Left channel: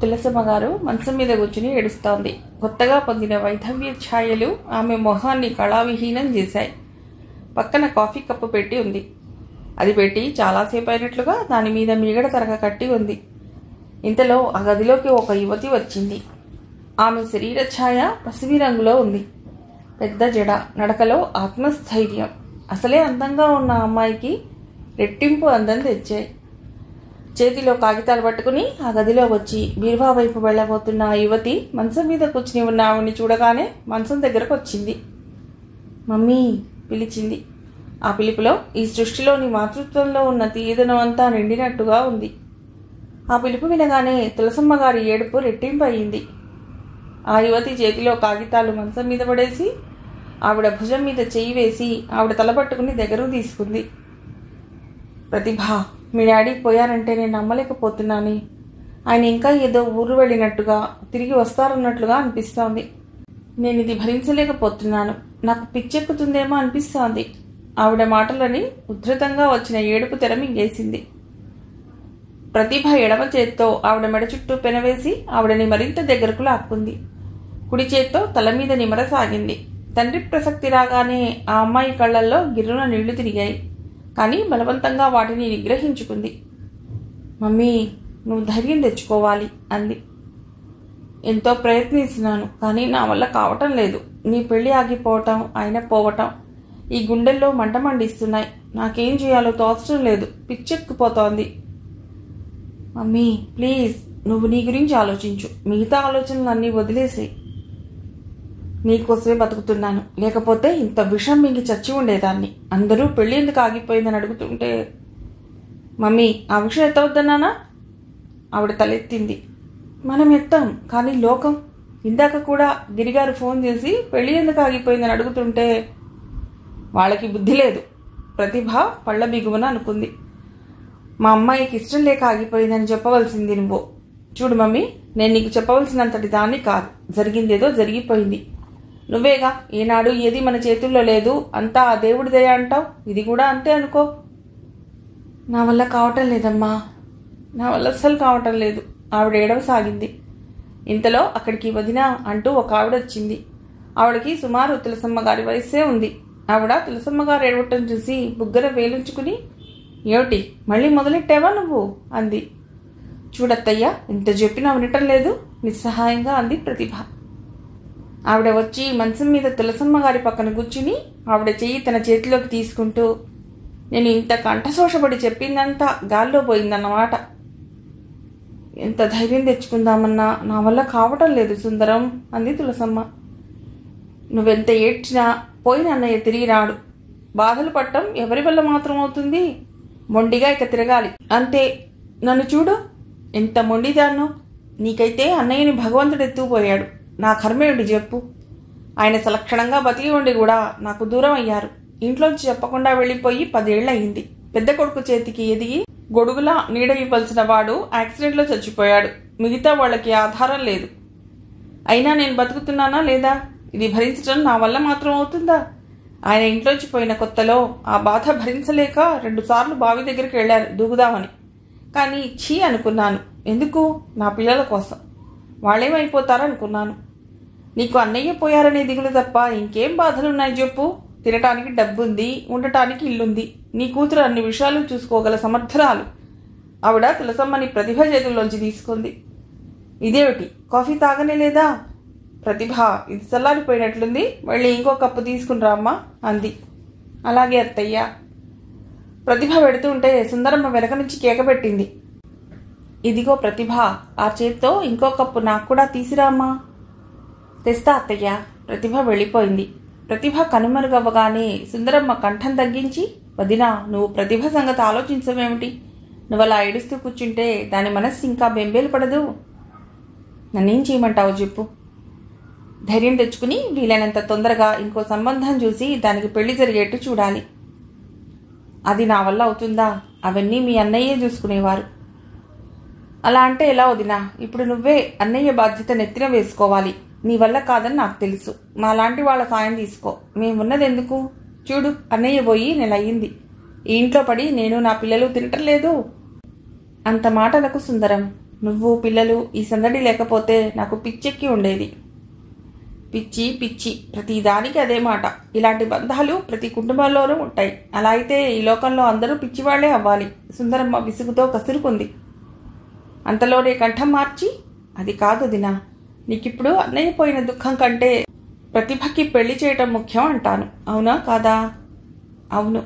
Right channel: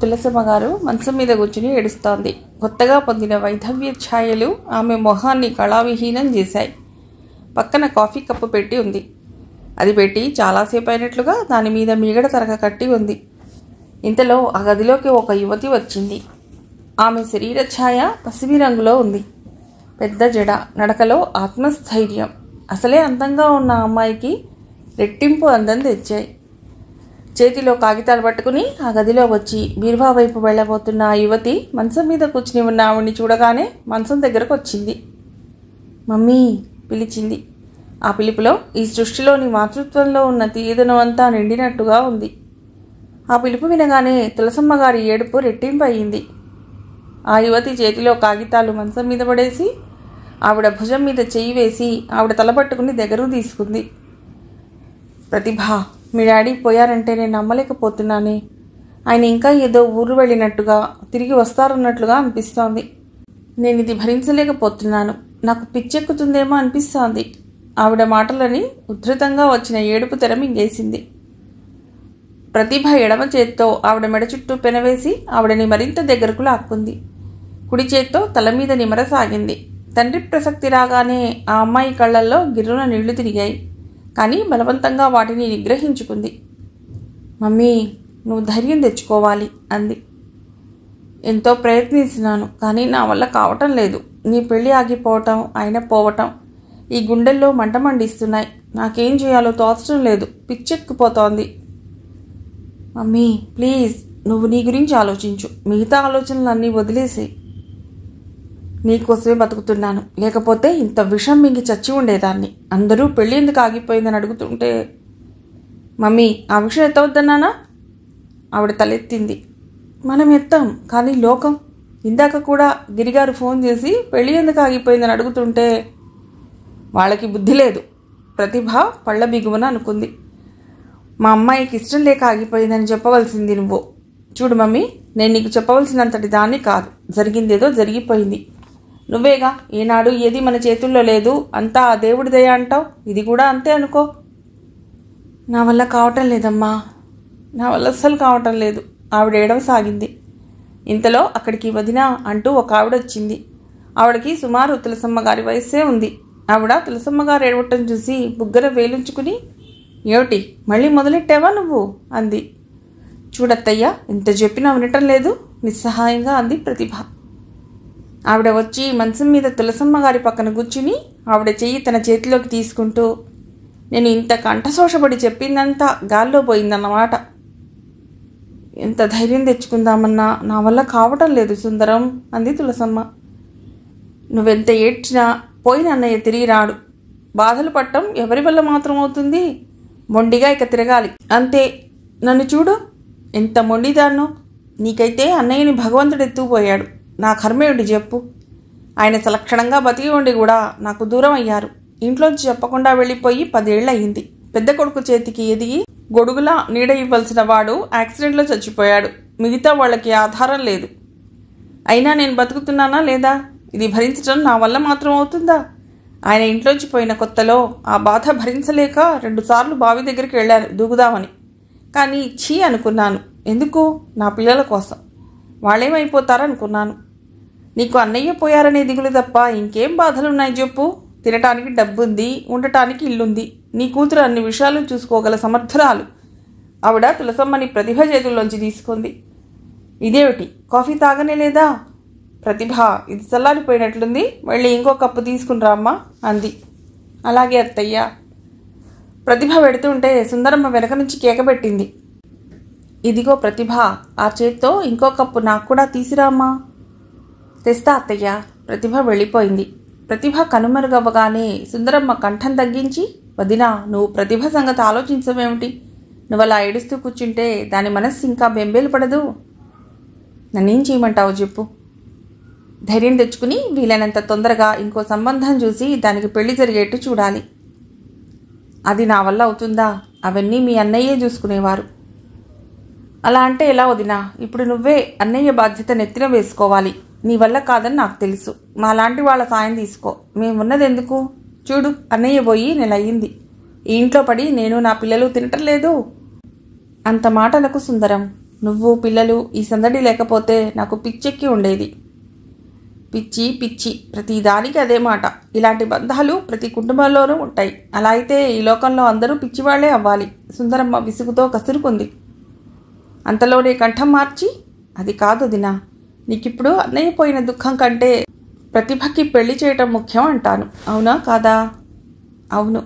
తులసమ్మ గారు మంచం మీద కూర్చుని ఏడుస్తోంది. కొత్తగా పొందిన వైధవ్య ఛాయలు ఆమె మొహాన్ని కళావిహీనం చేశాయి. పక్కన కాఫీ కప్పు పెట్టి ఉంది. అది పెట్టి చాలాసేపు అయినట్లుగా దాని మీద మీగడ తరగ కట్టి ఉంది. ఇంతలో ఆ గదిలోకి ఒక యువతి వచ్చింది. ఆమె శరీర ఛాయ పసిమి రంగులో ఉంది. పెద్ద జడ, నడకలో ఆత్మస్థైర్యం అసలే అందంగా ఉన్న అమ్మాయికి రెట్టింపు అందం తెచ్చాయి. చేతిలో కాగితాలు పట్టుకుని ఆ గదిలో వచ్చి బీరువా వైపు వెళ్ళబోతున్న ఆ యువతి మంచం మీద కూర్చుని ఉన్న ఆవిడ్ని చూడగానే మంచం దగ్గరకు వచ్చింది. మమ్మీ పిలిచింది. ఆ పిలుపులో ఈ సృష్టిలోని మాతృత్వంలో ఉన్న తీయదనం అంతా నిండినట్టుగా ఉంది. ఆ పిలుపు వినగానే తులసమ్మ గారి ఏడుపు రెట్టింపు అయింది. ఆ యువతి చేతిలో కాగితాలు మంచం మీద పడేసి ఆవిడ భుజం మీద చెయ్యి వేసి ఆవిడ తలపట్టుకుని దగ్గరకు తీసుకుంది. ప్రతిభ, మీ డాడీ పోయారంటే నేను నమ్మలేకపోతున్నానే. ఆయన ఇంకా ఏదో ఊరు వెళ్ళినట్టుగా తిరిగి వస్తారన్నట్లుగా అనిపిస్తోంది. నేను ఇది భరించలేకపోతున్నాను. నాకు పిచ్చెక్కుతుందేమో అనిపిస్తోంది. ఆవిడ మాటలని ఉద్ధృతంగా వచ్చిన ఏడుపు తెర మింగేసింది. ప్రతిభ ఎడమ చేత్తో ఆవిడ మెడ చుట్టూ పెనవేసి ఆవిడని మరింత దగ్గరకు లాక్కుంది. కుడి చేత్తో తల మీద నిమరసాగింది. తండ్రి ప్రసక్తి రాగానే ఆ అమ్మాయి కళ్లల్లో గిర్రున నీళ్లు తిరిగాయి. కానీ బలవంతంగా వాటిని నిగ్రహించుకుంది. మమ్మీ, నువ్వు ధైర్యం తెచ్చుకోవాలి అంది. ఎంతో ప్రయత్నిస్తున్నాను, కానీ నా వల్ల కావటం లేదు. నీ పెళ్లి ఆగిపోవటం, ఆయన పోవటం ఈ గుండెల్లో మంట మండిస్తున్నాయి. నాకేం చేయాలో తోచడం లేదు. పిచ్చెక్కిపోతోంది. మమ్మీ ప్లీజ్, నువ్వు నీ గురించి ఆలోచించు. మిగతా ఆలోచనలన్నీ వదిలేసేయి. నీకోసమే బతుకుతున్నాను. లేకపోతే ఇంత విషం మింగి చచ్చి ఉండేదాన్ని. అందరూ పెళ్లి ఎందుకు ఆగిపోయిందని అడుగుతుంటే మమ్మీ, ఆ విషయం ఎత్తవద్దన్నానా? ఆవిడ తలెత్తింది. మనం ఎత్తాం, కానీ లోకం. ఇందాక కూడా గిరిగారు ఫోన్ చేసి పెళ్లి ఎందుకు ఆగిపోయిందని అడుగుతుంటే వాళ్ళకి బుద్ధి లేదు. ప్రతిభ పళ్ళ బిగువన అనుకుంది. మా అమ్మాయికి ఇష్టం లేక ఆగిపోయిందని చెప్పవలసింది నువ్వు. చూడు మమ్మీ, నేను నీకు చెప్పవలసినంతటి దాన్ని కాదు. జరిగిందేదో జరిగిపోయింది. నువ్వేగా ఏనాడు ఏది మన చేతుల్లో లేదు, అంతా ఆ దేవుడి దయ అంటావు. ఇది కూడా అంతే అనుకో. నా వల్ల కావటం లేదమ్మా, నా వల్ల అస్సలు కావటం లేదు. ఆవిడ ఏడవసాగింది. ఇంతలో అక్కడికి వదినా అంటూ ఒక ఆవిడ వచ్చింది. ఆవిడకి సుమారు తులసమ్మ గారి వయస్సే ఉంది. ఆవిడ తులసమ్మ గారు ఏడవటం చూసి బుగ్గర వేలుంచుకుని, ఏమిటి మళ్ళీ మొదలెట్టావా నువ్వు అంది. చూడత్తయ్య, ఇంత చెప్పినా వినటం లేదు నిస్సహాయంగా అంది ప్రతిభ. ఆవిడ వచ్చి మంచం మీద తులసమ్మ గారి పక్కన కూర్చుని ఆవిడ చెయ్యి తన చేతిలోకి తీసుకుంటూ, నేను ఇంత కంఠశోషపడి చెప్పిందంతా గాల్లో పోయిందన్నమాట. ఎంత ధైర్యం తెచ్చుకుందామన్నా నా వల్ల కావటం లేదు సుందరం అంది తులసమ్మ. నువ్వెంత ఏడ్చినా పోయిన అన్నయ్య తిరిగి రాడు. బాధలు పట్టం ఎవరి వల్ల మాత్రం అవుతుంది? మొండిగా ఇక తిరగాలి అంతే. నన్ను చూడు, ఎంత మొండిదాన్నో. నీకైతే అన్నయ్యని భగవంతుడు ఎత్తుకుపోయాడు. నా కర్మేమిటి చెప్పు? ఆయన సలక్షణంగా బతికి ఉండి కూడా నాకు దూరం అయ్యారు. ఇంట్లోంచి చెప్పకుండా వెళ్ళిపోయి 10 ఏళ్ళు అయ్యింది. పెద్ద కొడుకు చేతికి ఎదిగి గొడుగులా నీడ ఇవ్వాల్సిన వాడు యాక్సిడెంట్లో చచ్చిపోయాడు. మిగతా వాళ్ళకి ఆధారం లేదు. అయినా నేను బతుకుతున్నానా లేదా? ఇది భరించడం నా వల్ల మాత్రం అవుతుందా? ఆయన ఇంట్లోంచి పోయిన కొత్తలో ఆ బాధ భరించలేక 2 సార్లు బావి దగ్గరికి వెళ్ళాను దూకుదామని. కానీ ఛీ అనుకున్నాను. ఎందుకు? నా పిల్లల కోసం. వాళ్ళేమైపోతారనుకున్నాను. నీకు అన్నయ్య పోయారనే దిగులు తప్ప ఇంకేం బాధలున్నాయి చెప్పు? తినటానికి డబ్బుంది, ఉండటానికి ఇల్లుంది. నీ కూతురు అన్ని విషయాలు చూసుకోగల సమర్థురాలు. ఆవిడ తులసమ్మని ప్రతిభ చేతుల్లోంచి తీసుకుంది. ఇదేమిటి, కాఫీ తాగనే లేదా? ప్రతిభ, ఇది చల్లారిపోయినట్లుంది, వెళ్ళి ఇంకో కప్పు తీసుకునిరా అమ్మా అంది. అలాగే అత్తయ్య. ప్రతిభ పెడుతుంటే సుందరమ్మ వెనక నుంచి కేకబెట్టింది. ఇదిగో ప్రతిభ, ఆ చేత్తో ఇంకో కప్పు నాకు కూడా తీసిరామ్మా. తెస్తా అత్తయ్య. ప్రతిభ వెళ్ళిపోయింది. ప్రతిభ కనుమరుగవ్వగానే సుందరమ్మ కంఠం తగ్గించి, వదినా, నువ్వు ప్రతిభ సంగతి ఆలోచించవేమిటి? నువ్వు అలా ఏడుస్తూ కూర్చుంటే దాని మనస్సు ఇంకా బెంబేలు పడదు. నన్నేం చేయమంటావు చెప్పు? ధైర్యం తెచ్చుకుని వీలైనంత తొందరగా ఇంకో సంబంధం చూసి దానికి పెళ్లి జరిగేట్టు చూడాలి. అది నా వల్ల అవుతుందా? అవన్నీ మీ అన్నయ్యే చూసుకునేవారు. అలా అంటే ఎలా వదినా? ఇప్పుడు నువ్వే అన్నయ్య బాధ్యత నెత్తిన వేసుకోవాలి. నీ వల్ల కాదని నాకు తెలుసు. మాలాంటి వాళ్ళ సాయం తీసుకో. మేమున్నది ఎందుకు? చూడు, అన్నయ్య పోయి నెల అయ్యింది. ఈ ఇంట్లో పడి నేను నా పిల్లలు తినటం లేదు. అంత మాటలకు సుందరం, నువ్వు పిల్లలు ఈ సందడి లేకపోతే నాకు పిచ్చెక్కి ఉండేది. పిచ్చి పిచ్చి, ప్రతి దానికి అదే మాట. ఇలాంటి బంధాలు ప్రతి కుటుంబంలోనూ ఉంటాయి. అలా అయితే ఈ లోకంలో అందరూ పిచ్చివాళ్లే అవ్వాలి. సుందరమ్మ విసుగుతో కసురుకుంది. అంతలోనే కంఠం మార్చి, అది కాదు దినా, నీకిప్పుడు అన్నయ్య పోయిన దుఃఖం కంటే ప్రతిభకి పెళ్లి చేయటం ముఖ్యం అంటాను. అవునా కాదా? అవును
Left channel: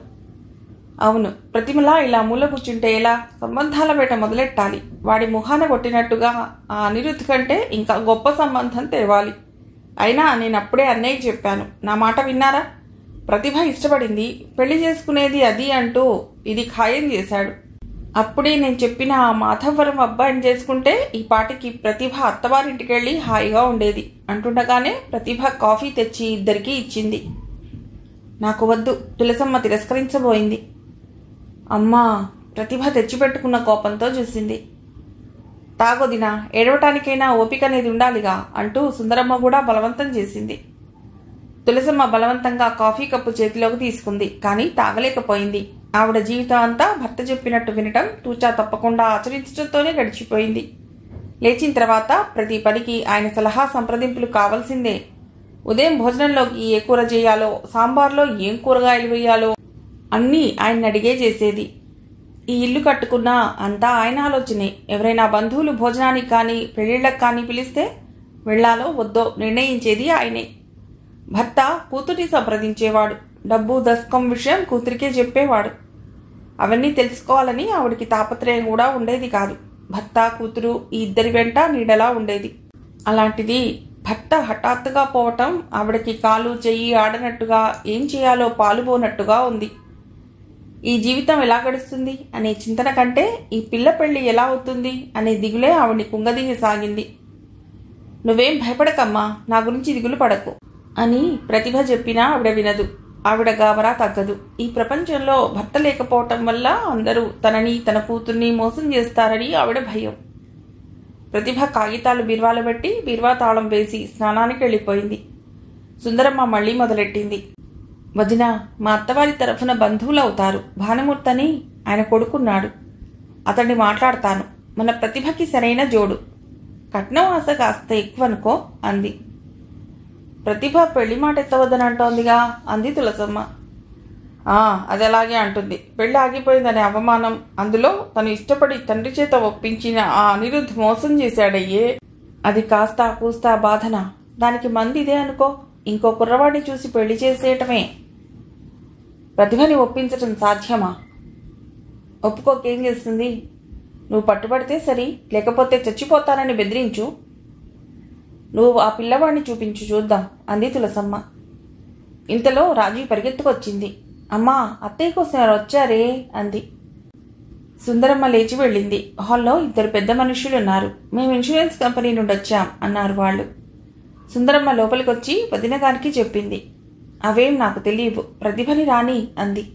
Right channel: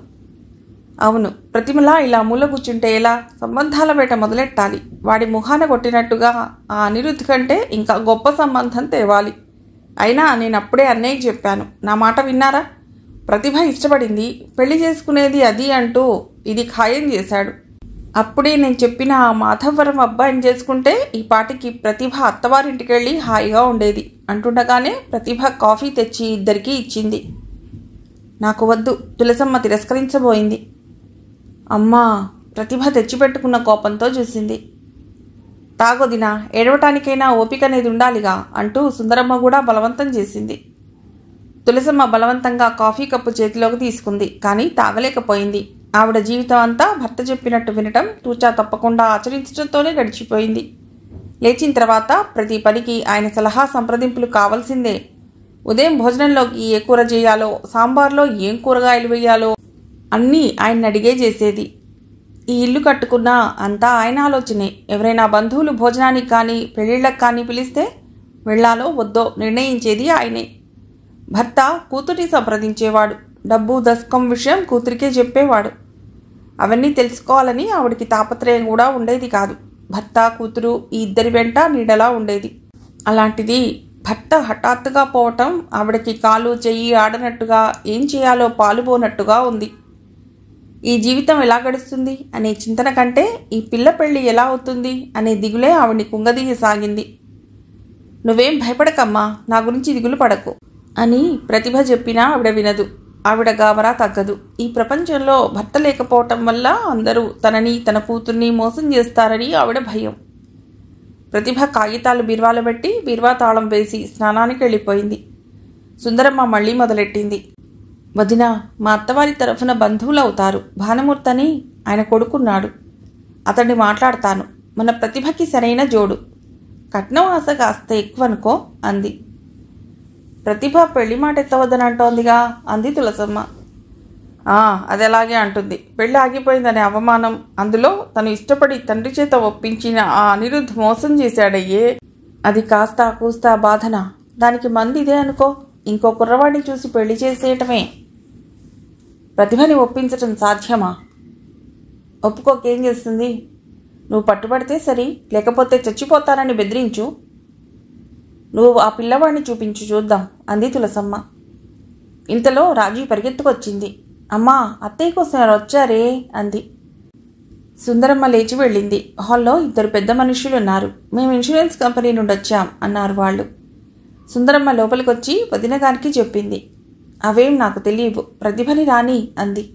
అవును. ప్రతిమలా ఇలా మూల కూర్చుంటే ఎలా? సంబంధాల వేట మొదలెట్టాలి. వాడి ముఖాన కొట్టినట్టుగా ఆ అనిరుద్ధ్ కంటే ఇంకా గొప్ప సంబంధం తేవాలి. అయినా నేను అప్పుడే అన్నయ్య చెప్పాను. నా మాట విన్నారా? ప్రతిభ ఇష్టపడింది, పెళ్లి చేసుకునేది అది అంటూ ఇది ఖాయం చేశాడు. అప్పుడే నేను చెప్పిన ఆ మాధవరం అబ్బాయిని చేసుకుంటే ఈ పాటికి ప్రతిభ అత్తవారింటికి వెళ్ళి హాయిగా ఉండేది అంటుండగానే ప్రతిభ కాఫీ తెచ్చి ఇద్దరికీ ఇచ్చింది. నాకు వద్దు, తులసమ్మ తిరస్కరించబోయింది. అమ్మా, ప్రతిభ తెచ్చిపెట్టుకున్న కోపంతో చూసింది. తాగొదినా, ఏడవటానికైనా ఓపిక అనేది ఉండాలిగా అంటూ సుందరమ్మ కూడా బలవంతం చేసింది. తులసమ్మ బలవంతంగా కాఫీ కప్పు చేతిలోకి తీసుకుంది. కానీ తాగలేకపోయింది. ఆవిడ జీవితం అంతా భర్త చెప్పినట్టు వినటం, తూచా తప్పకుండా ఆచరించడంతోనే గడిచిపోయింది. లేచిన తర్వాత ప్రతి పనికి ఆయన సలహా సంప్రదింపులు కావాల్సిందే. ఉదయం భోజనంలోకి ఏ కూర చేయాలో, సాంబార్లో ఏం కూరగాయలు వేయాలో అన్నీ ఆయన అడిగే చేసేది. ఈ ఇల్లు కట్టుకున్నా అంతా ఆయన ఆలోచనే. ఎవరైనా బంధువులు భోజనానికి కానీ పెళ్లిళ్ళకి కానీ పిలిస్తే వెళ్లాలో వద్దో నిర్ణయించేది ఆయనే. భర్త కూతురిని సంప్రదించేవాడు. డబ్బు దశకం విషయం కూతురికే చెప్పేవాడు. అవన్నీ తెలుసుకోవాలని ఆవిడికి తాపత్రయం కూడా ఉండేది కాదు. భర్త కూతురు ఈ ఇద్దరి వెంట నీడలా ఉండేది. అలాంటిది భర్త హఠాత్తుగా పోవటం ఆవిడకి కాలు చెయ్యి ఆడనట్టుగా, ఏం చేయాలో పాలుపోనట్టుగా ఉంది. ఈ జీవితం ఎలా గడుస్తుంది అనే చింతన కంటే ఈ పిల్ల పెళ్లి ఎలా అవుతుంది అనే దిగులే ఆవిడ్ని కుంగదీయసాగింది. నువ్వేం భయపడకమ్మా, నా గురించి దిగులు పడకు అని ప్రతిభ చెప్పినా ఆవిడ వినదు. ఆవిడ గాబరా తగ్గదు. ఈ ప్రపంచంలో భర్త లేకపోవటం వల్ల అందరూ తనని తన కూతుర్ని మోసం చేస్తారని ఆవిడ భయం. ప్రతిభ కాగితాలు బీర్వాలో పెట్టి బీర్వా తాళం వేసి స్నానానికి వెళ్ళిపోయింది. సుందరమ్మ మళ్లీ మొదలెట్టింది. వదినా, మా అత్తవారి తరఫున బంధువులు అవుతారు. భానుమూర్తని ఆయన కొడుకున్నాడు. అతన్ని మాట్లాడతాను. మన ప్రతిభకి సరైన జోడు. కట్నం ఆశ కాస్త ఎక్కువనుకో అంది. ప్రతిభ పెళ్లి మాట ఎత్తవద్దనంటోందిగా అంది తులసమ్మ. అది అలాగే అంటుంది. పెళ్లి ఆగిపోయిందనే అవమానం, అందులో తను ఇష్టపడి తండ్రి చేత ఒప్పించిన ఆ అనిరుద్ధ్ మోసం చేశాడయ్యే, అది కాస్తా కూస్తా బాధన. దానికి మంది ఇదే అనుకో, ఇంకో కుర్రవాడిని చూసి పెళ్లి చేసేయటమే. ప్రతిభని ఒప్పించటం సాధ్యమా? ఒప్పుకోకేం చేస్తుంది? నువ్వు పట్టుబడితే సరి, లేకపోతే చచ్చిపోతానని బెదిరించు. నువ్వు ఆ పిల్లవాడిని చూపించు చూద్దాం అంది తులసమ్మ. ఇంతలో రాజీ పరిగెత్తుకొచ్చింది. అమ్మా, అత్తయ్య కోసం వచ్చారే అంది. సుందరమ్మ లేచి వెళ్ళింది. హాల్లో ఇద్దరు పెద్ద మనుషులున్నారు. మేము ఇన్సూరెన్స్ కంపెనీ నుండి వచ్చాం అన్నారు వాళ్ళు. సుందరమ్మ లోపలికొచ్చి వదిన గారికి చెప్పింది. అవేం నాకు తెలియవు, ప్రతిభని రాని అంది.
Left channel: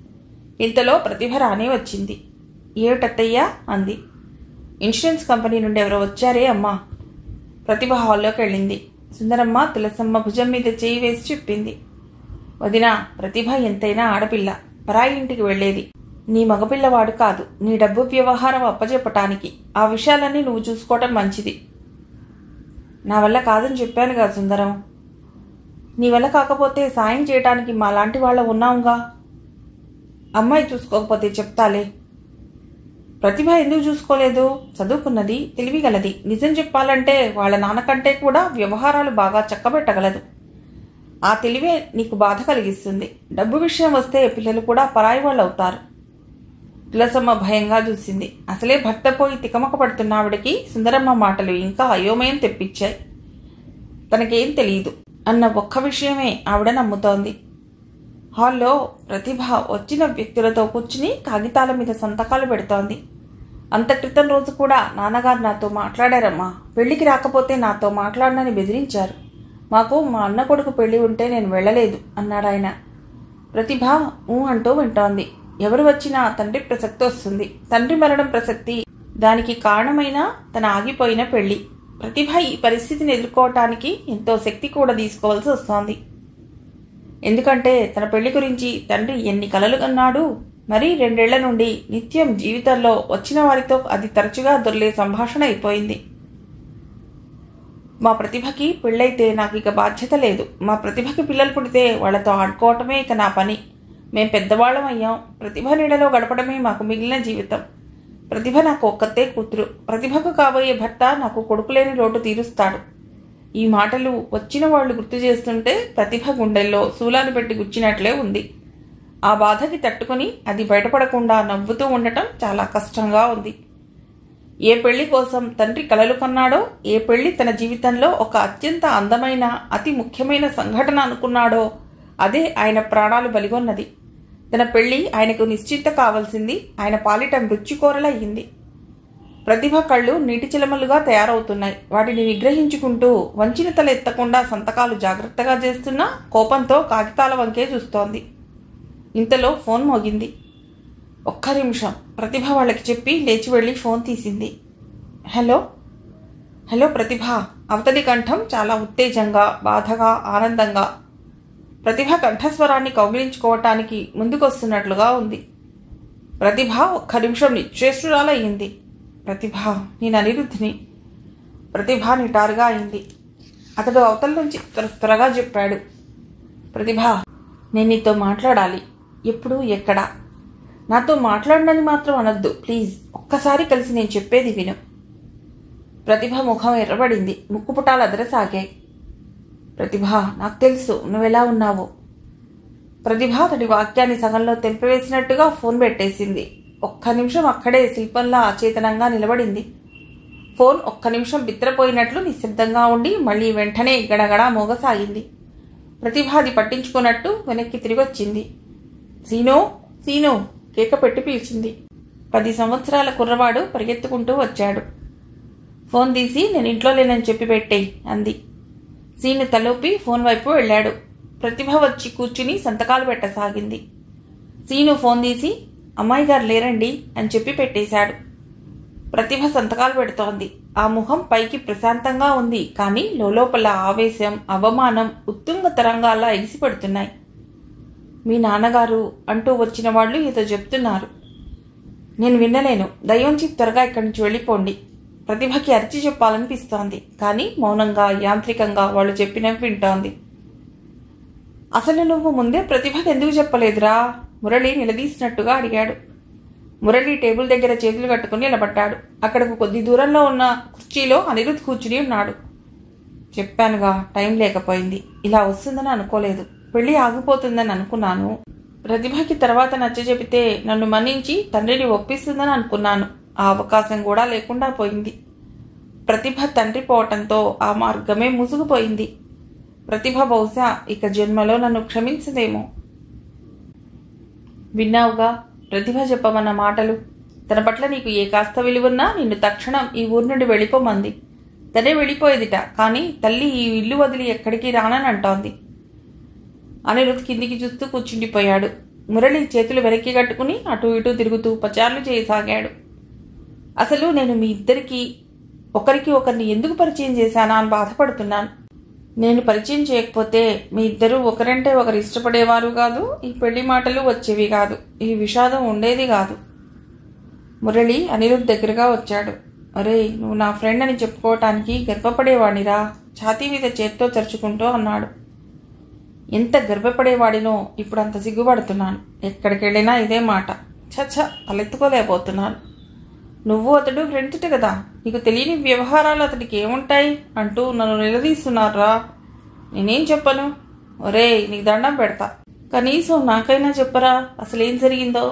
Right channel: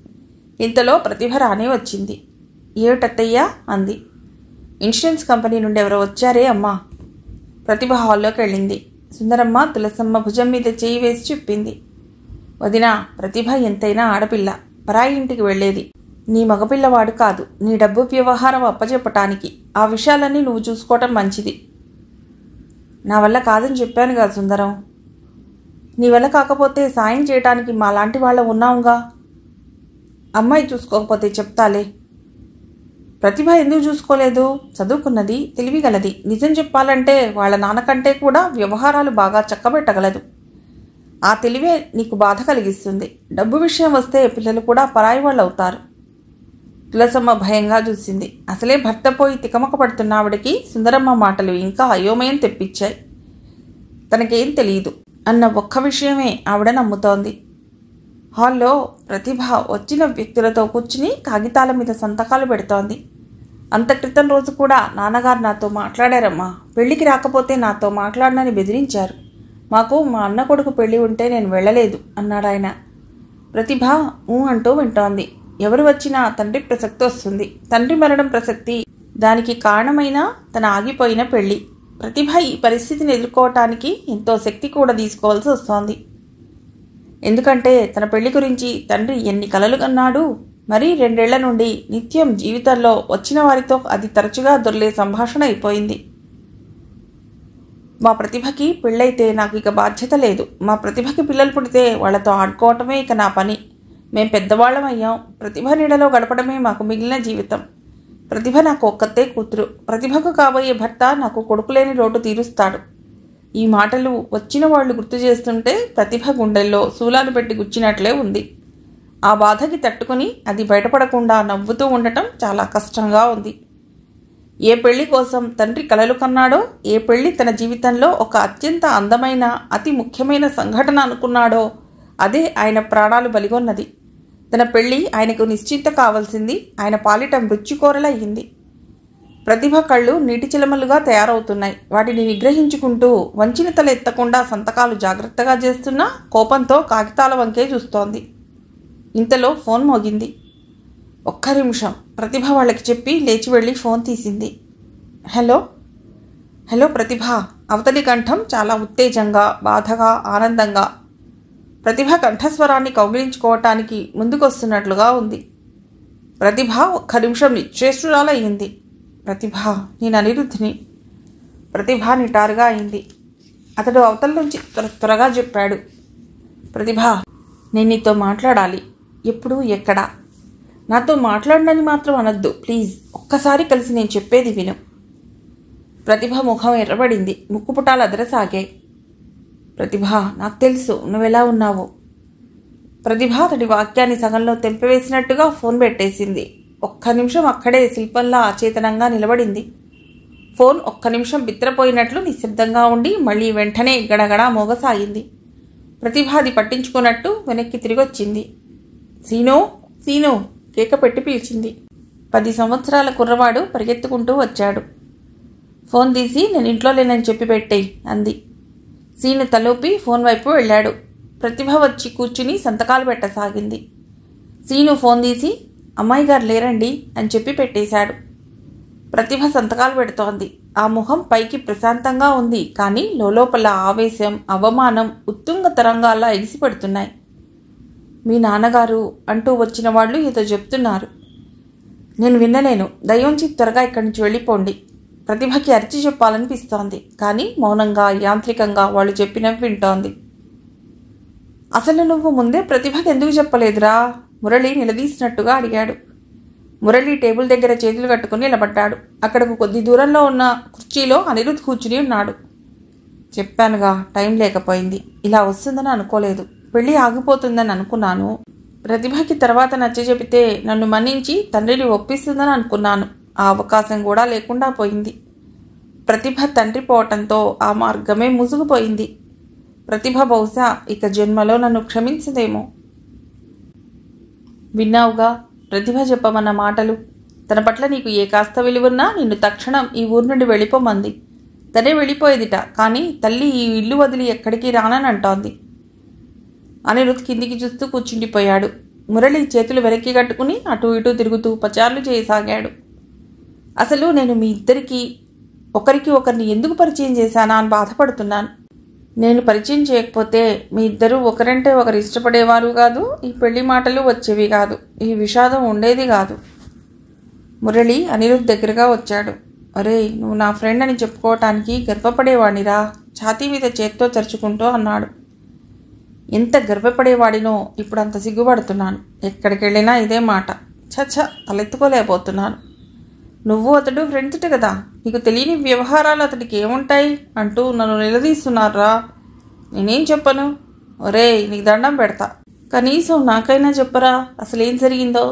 ఇంతలో ప్రతిభ రానే వచ్చింది. ఏమిటత్తయ్యా అంది. ఇన్సూరెన్స్ కంపెనీ నుండి ఎవరో వచ్చారే అమ్మా. ప్రతిభ హాల్లోకి వెళ్ళింది. సుందరమ్మ తులసమ్మ భుజం మీద చేయి వేసి చెప్పింది. వదినా, ప్రతిభ ఎంతైనా ఆడపిల్ల, పరాయి ఇంటికి వెళ్లేది. నీ మగపిల్లవాడు కాదు. నీ డబ్బు వ్యవహారం అప్పచెప్పటానికి ఆ విషయాలన్నీ నువ్వు చూసుకోవటం మంచిది. నా వల్ల కాదని చెప్పానుగా సుందరం. నీ వల్ల కాకపోతే సాయం చేయటానికి మాలాంటి వాళ్ళ ఉన్నావుగా. అమ్మాయి చూసుకోకపోతే చెప్తాలే. ప్రతిభ ఎందుకు చూసుకోలేదు? చదువుకున్నది, తెలివిగలది. నిజం చెప్పాలంటే వాళ్ళ నాన్నకంటే కూడా వ్యవహారాలు బాగా చక్కబెట్టగలదు. ఆ తెలివే నీకు బాధ కలిగిస్తుంది. డబ్బు విషయం వస్తే పిల్లలు కూడా పరాయి వాళ్ళు అవుతారు. తులసమ్మ భయంగా చూసింది. అసలే భర్త పోయి తికమక పడుతున్న ఆవిడకి సుందరమ్మ మాటలు ఇంకా అయోమయం తెప్పించాయి. తనకేం తెలియదు అన్న ఒక్క విషయమే ఆవిడ నమ్ముతోంది. హాల్లో ప్రతిభ వచ్చిన వ్యక్తులతో కూర్చుని కాగితాల మీద సంతకాలు పెడుతోంది. అంత క్రితం రోజు కూడా నాన్నగారు నాతో మాట్లాడారమ్మా. పెళ్లికి రాకపోతే నాతో మాట్లాడనని బెదిరించారు. మాకు మా అన్న కొడుకు పెళ్లి ఉంటే నేను వెళ్ళలేదు అన్నాడాయన. ప్రతిభ అంటూ వింటోంది. ఎవరు వచ్చినా తండ్రి ప్రసక్తి వస్తుంది. తండ్రి మరణం ప్రసక్తి, దానికి కారణమైన తన ఆగిపోయిన పెళ్లి. ప్రతిభ ఈ పరిస్థితిని ఎదుర్కోవటానికి ఎంతో శక్తి కూడా తీసుకోవాల్సి వస్తోంది. ఎందుకంటే తన పెళ్లి గురించి తండ్రి ఎన్ని కలలు కన్నాడు. మరీ 2 ఏళ్ల నుండి నిత్యం జీవితంలో వచ్చిన వారితో అది తరచుగా దొర్లే సంభాషణ అయిపోయింది. మా ప్రతిభకి పెళ్ళైతే నాకు ఇక బాధ్యత లేదు. మా ప్రతిభకి పిల్లలు పుడితే వాళ్లతో ఆడుకోవటమే ఇక నా పని. మేం పెద్దవాళ్ళమయ్యాం. ప్రతిభ నీడలో గడపడమే మాకు మిగిలిన జీవితం. ప్రతిభ నాకు ఒక్కతే కూతురు. ప్రతిభకు కాబోయే భర్త నాకు కొడుకులేని లోటు తీరుస్తాడు. ఈ మాటలు వచ్చిన వాళ్ళు గుర్తు చేస్తుంటే ప్రతిభ గుండెల్లో శూలాలు పెట్టి గుచ్చినట్లే ఉంది. ఆ బాధకి తట్టుకుని అది బయటపడకుండా నవ్వుతూ ఉండటం చాలా కష్టంగా ఉంది. ఏ పెళ్లి కోసం తండ్రి కలలు కన్నాడో, ఏ పెళ్లి తన జీవితంలో ఒక అత్యంత అందమైన అతి ముఖ్యమైన సంఘటన అనుకున్నాడో అదే ఆయన ప్రాణాలు బలిగొన్నది. తన పెళ్లి ఆయనకు నిశ్చింత కావాల్సింది ఆయన పాలిట మృత్యుకోరలయ్యింది. ప్రతిభ కళ్ళు నీటి చిలమలుగా తయారవుతున్నాయి. వాటిని నిగ్రహించుకుంటూ వంచిన తల ఎత్తకుండా సంతకాలు జాగ్రత్తగా చేస్తున్నా కోపంతో కాగితాల వంకే చూస్తోంది. ఇంతలో ఫోన్ మోగింది. 1 నిమిషం ప్రతిభ వాళ్ళకి చెప్పి లేచి వెళ్ళి ఫోన్ తీసింది. హలో హలో ప్రతిభ. అవతలి కంఠం చాలా ఉత్తేజంగా, బాధగా, ఆనందంగా. ప్రతిభ కంఠస్వరాన్ని కౌగిలించుకోవటానికి ముందుకొస్తున్నట్లుగా ఉంది. ప్రతిభ 1 నిమిషం నిశ్చేష్టురాలయ్యింది. ప్రతిభ, నేను అనిరుద్ధిని. ప్రతిభ నిటారుగా అయింది. అతడు అవతల నుంచి త్వరగా చెప్పాడు. ప్రతిభ, నేను నీతో మాట్లాడాలి. ఎప్పుడు, ఎక్కడ? నాతో మాట్లాడనని మాత్రం అనొద్దు ప్లీజ్. ఒక్కసారి కలిసి నేను చెప్పేది విను. ప్రతిభ ముఖం ఎర్రబడింది. ముక్కుపుటాలు అదరసాగాయి. ప్రతిభ, నాకు తెలుసు నువ్వెలా ఉన్నావు. ప్రతిభ అతడి వాక్యాన్ని సగంలో తెంపివేసినట్టుగా ఫోన్ పెట్టేసింది. 1 నిమిషం అక్కడే శిల్పంలా అచేతనంగా నిలబడింది. ఫోన్ 1 నిమిషం బిత్రపోయినట్లు నిశ్శబ్దంగా ఉండి మళ్లీ వెంటనే గడగడా మోగసాగింది. ప్రతిభ అది పట్టించుకున్నట్టు వెనక్కి తిరిగొచ్చింది. సీనో సీనో కేక పెట్టి పిలిచింది. 10 సంవత్సరాల కుర్రవాడు పరిగెత్తుకుంటూ వచ్చాడు. ఫోన్ తీసి నేను ఇంట్లో లేనని చెప్పి పెట్టేయి అంది. సీను తలూపి ఫోన్ వైపు వెళ్ళాడు. ప్రతిభ వచ్చి కూర్చుని సంతకాలు పెట్టసాగింది. సీను ఫోన్ తీసి అమ్మాయి గారు లేరండి అని చెప్పి పెట్టేశాడు. ప్రతిభ సంతకాలు పెడుతోంది. ఆ ముఖం పైకి ప్రశాంతంగా ఉంది. కానీ లోపల ఆవేశం, అవమానం ఉత్తుంగ తరంగాల్లా ఎగిసిపడుతున్నాయి. మీ నాన్నగారు అంటూ వచ్చిన వాళ్ళు ఏదో చెప్తున్నారు. నేను వినలేను. దయోంచి త్వరగా ఇక్కడి నుంచి వెళ్ళిపోండి. ప్రతిభకి అరిచి చెప్పాలనిపిస్తోంది. కానీ మౌనంగా, యాంత్రికంగా వాళ్ళు చెప్పినవి వింటోంది. అసలు నువ్వు ముందే ప్రతిభకి ఎందుకు చెప్పలేదురా? మురళి నిలదీసినట్టుగా అడిగాడు. మురళి టేబుల్ దగ్గర చేతులు కట్టుకుని నిలబడ్డాడు. అక్కడకు కొద్ది దూరంలో ఉన్న కుర్చీలో అనిరుద్ధ్ కూర్చుని ఉన్నాడు. చెప్పానుగా, టైం లేకపోయింది. ఇలా వస్తుందని అనుకోలేదు. పెళ్లి ఆగిపోతుందని అనుకున్నాను. ప్రతిభకి తర్వాత నచ్చజెపితే నన్ను మన్నించి తండ్రిని ఒప్పిస్తుందని అనుకున్నాను. ఆ అవకాశం కూడా లేకుండా పోయింది. ప్రతిభ తండ్రి పోవటంతో ఆ మార్గమే ముసుగుపోయింది. ప్రతిభ బహుశా ఇక జన్మలో నన్ను క్షమించదేమో. విన్నావుగా ప్రతిభ చెప్పమన్న మాటలు. తన పట్ల నీకు ఏ కాస్త విలువున్నా నిన్ను తక్షణం ఈ ఊరు నుండి వెళ్ళిపోమంది. తనే వెళ్ళిపోయేదిట. కానీ తల్లి ఈ ఇల్లు వదిలి ఎక్కడికి రానని అంటోంది. అనిరుద్ధ్ కిందికి చూస్తూ కూర్చుండిపోయాడు. మురళి చేతులు వెనక్కి కట్టుకుని అటూ ఇటూ తిరుగుతూ పచార్లు చేయసాగాడు. అసలు నేను మీ ఇద్దరికి ఒకరికి ఒకరిని ఎందుకు పరిచయం చేశానా అని బాధపడుతున్నాను. నేను పరిచయం చేయకపోతే మీ ఇద్దరూ ఒకరంటే ఒకరు ఇష్టపడేవారు కాదు. ఈ పెళ్లి మాటలు వచ్చేవి కాదు. ఈ విషాదం ఉండేది కాదు. మురళి అనిరుద్ధ్ దగ్గరగా వచ్చాడు. అరే, నువ్వు నా ఫ్రెండ్ అని చెప్పుకోవటానికి గర్వపడేవాడిరా, ఛాతీ మీద చేత్తో చరుచుకుంటూ అన్నాడు. ఎంత గర్వపడేవాడినో ఇప్పుడు అంత సిగ్గుపడుతున్నాను. ఎక్కడికి వెళ్ళినా ఇదే మాట. చచ్చ, తలెత్తుకోలేకపోతున్నాను. నువ్వు అతడు ఫ్రెండ్స్ కదా, నీకు తెలియని వ్యవహారాలు అతడికి ఏముంటాయి అంటూ నన్ను నిలదీస్తున్నారా? నేనేం చెప్పను? ఒరే, నీకు దండం పెడతా. కనీసం నాకైనా చెప్పరా అసలేం జరిగిందో?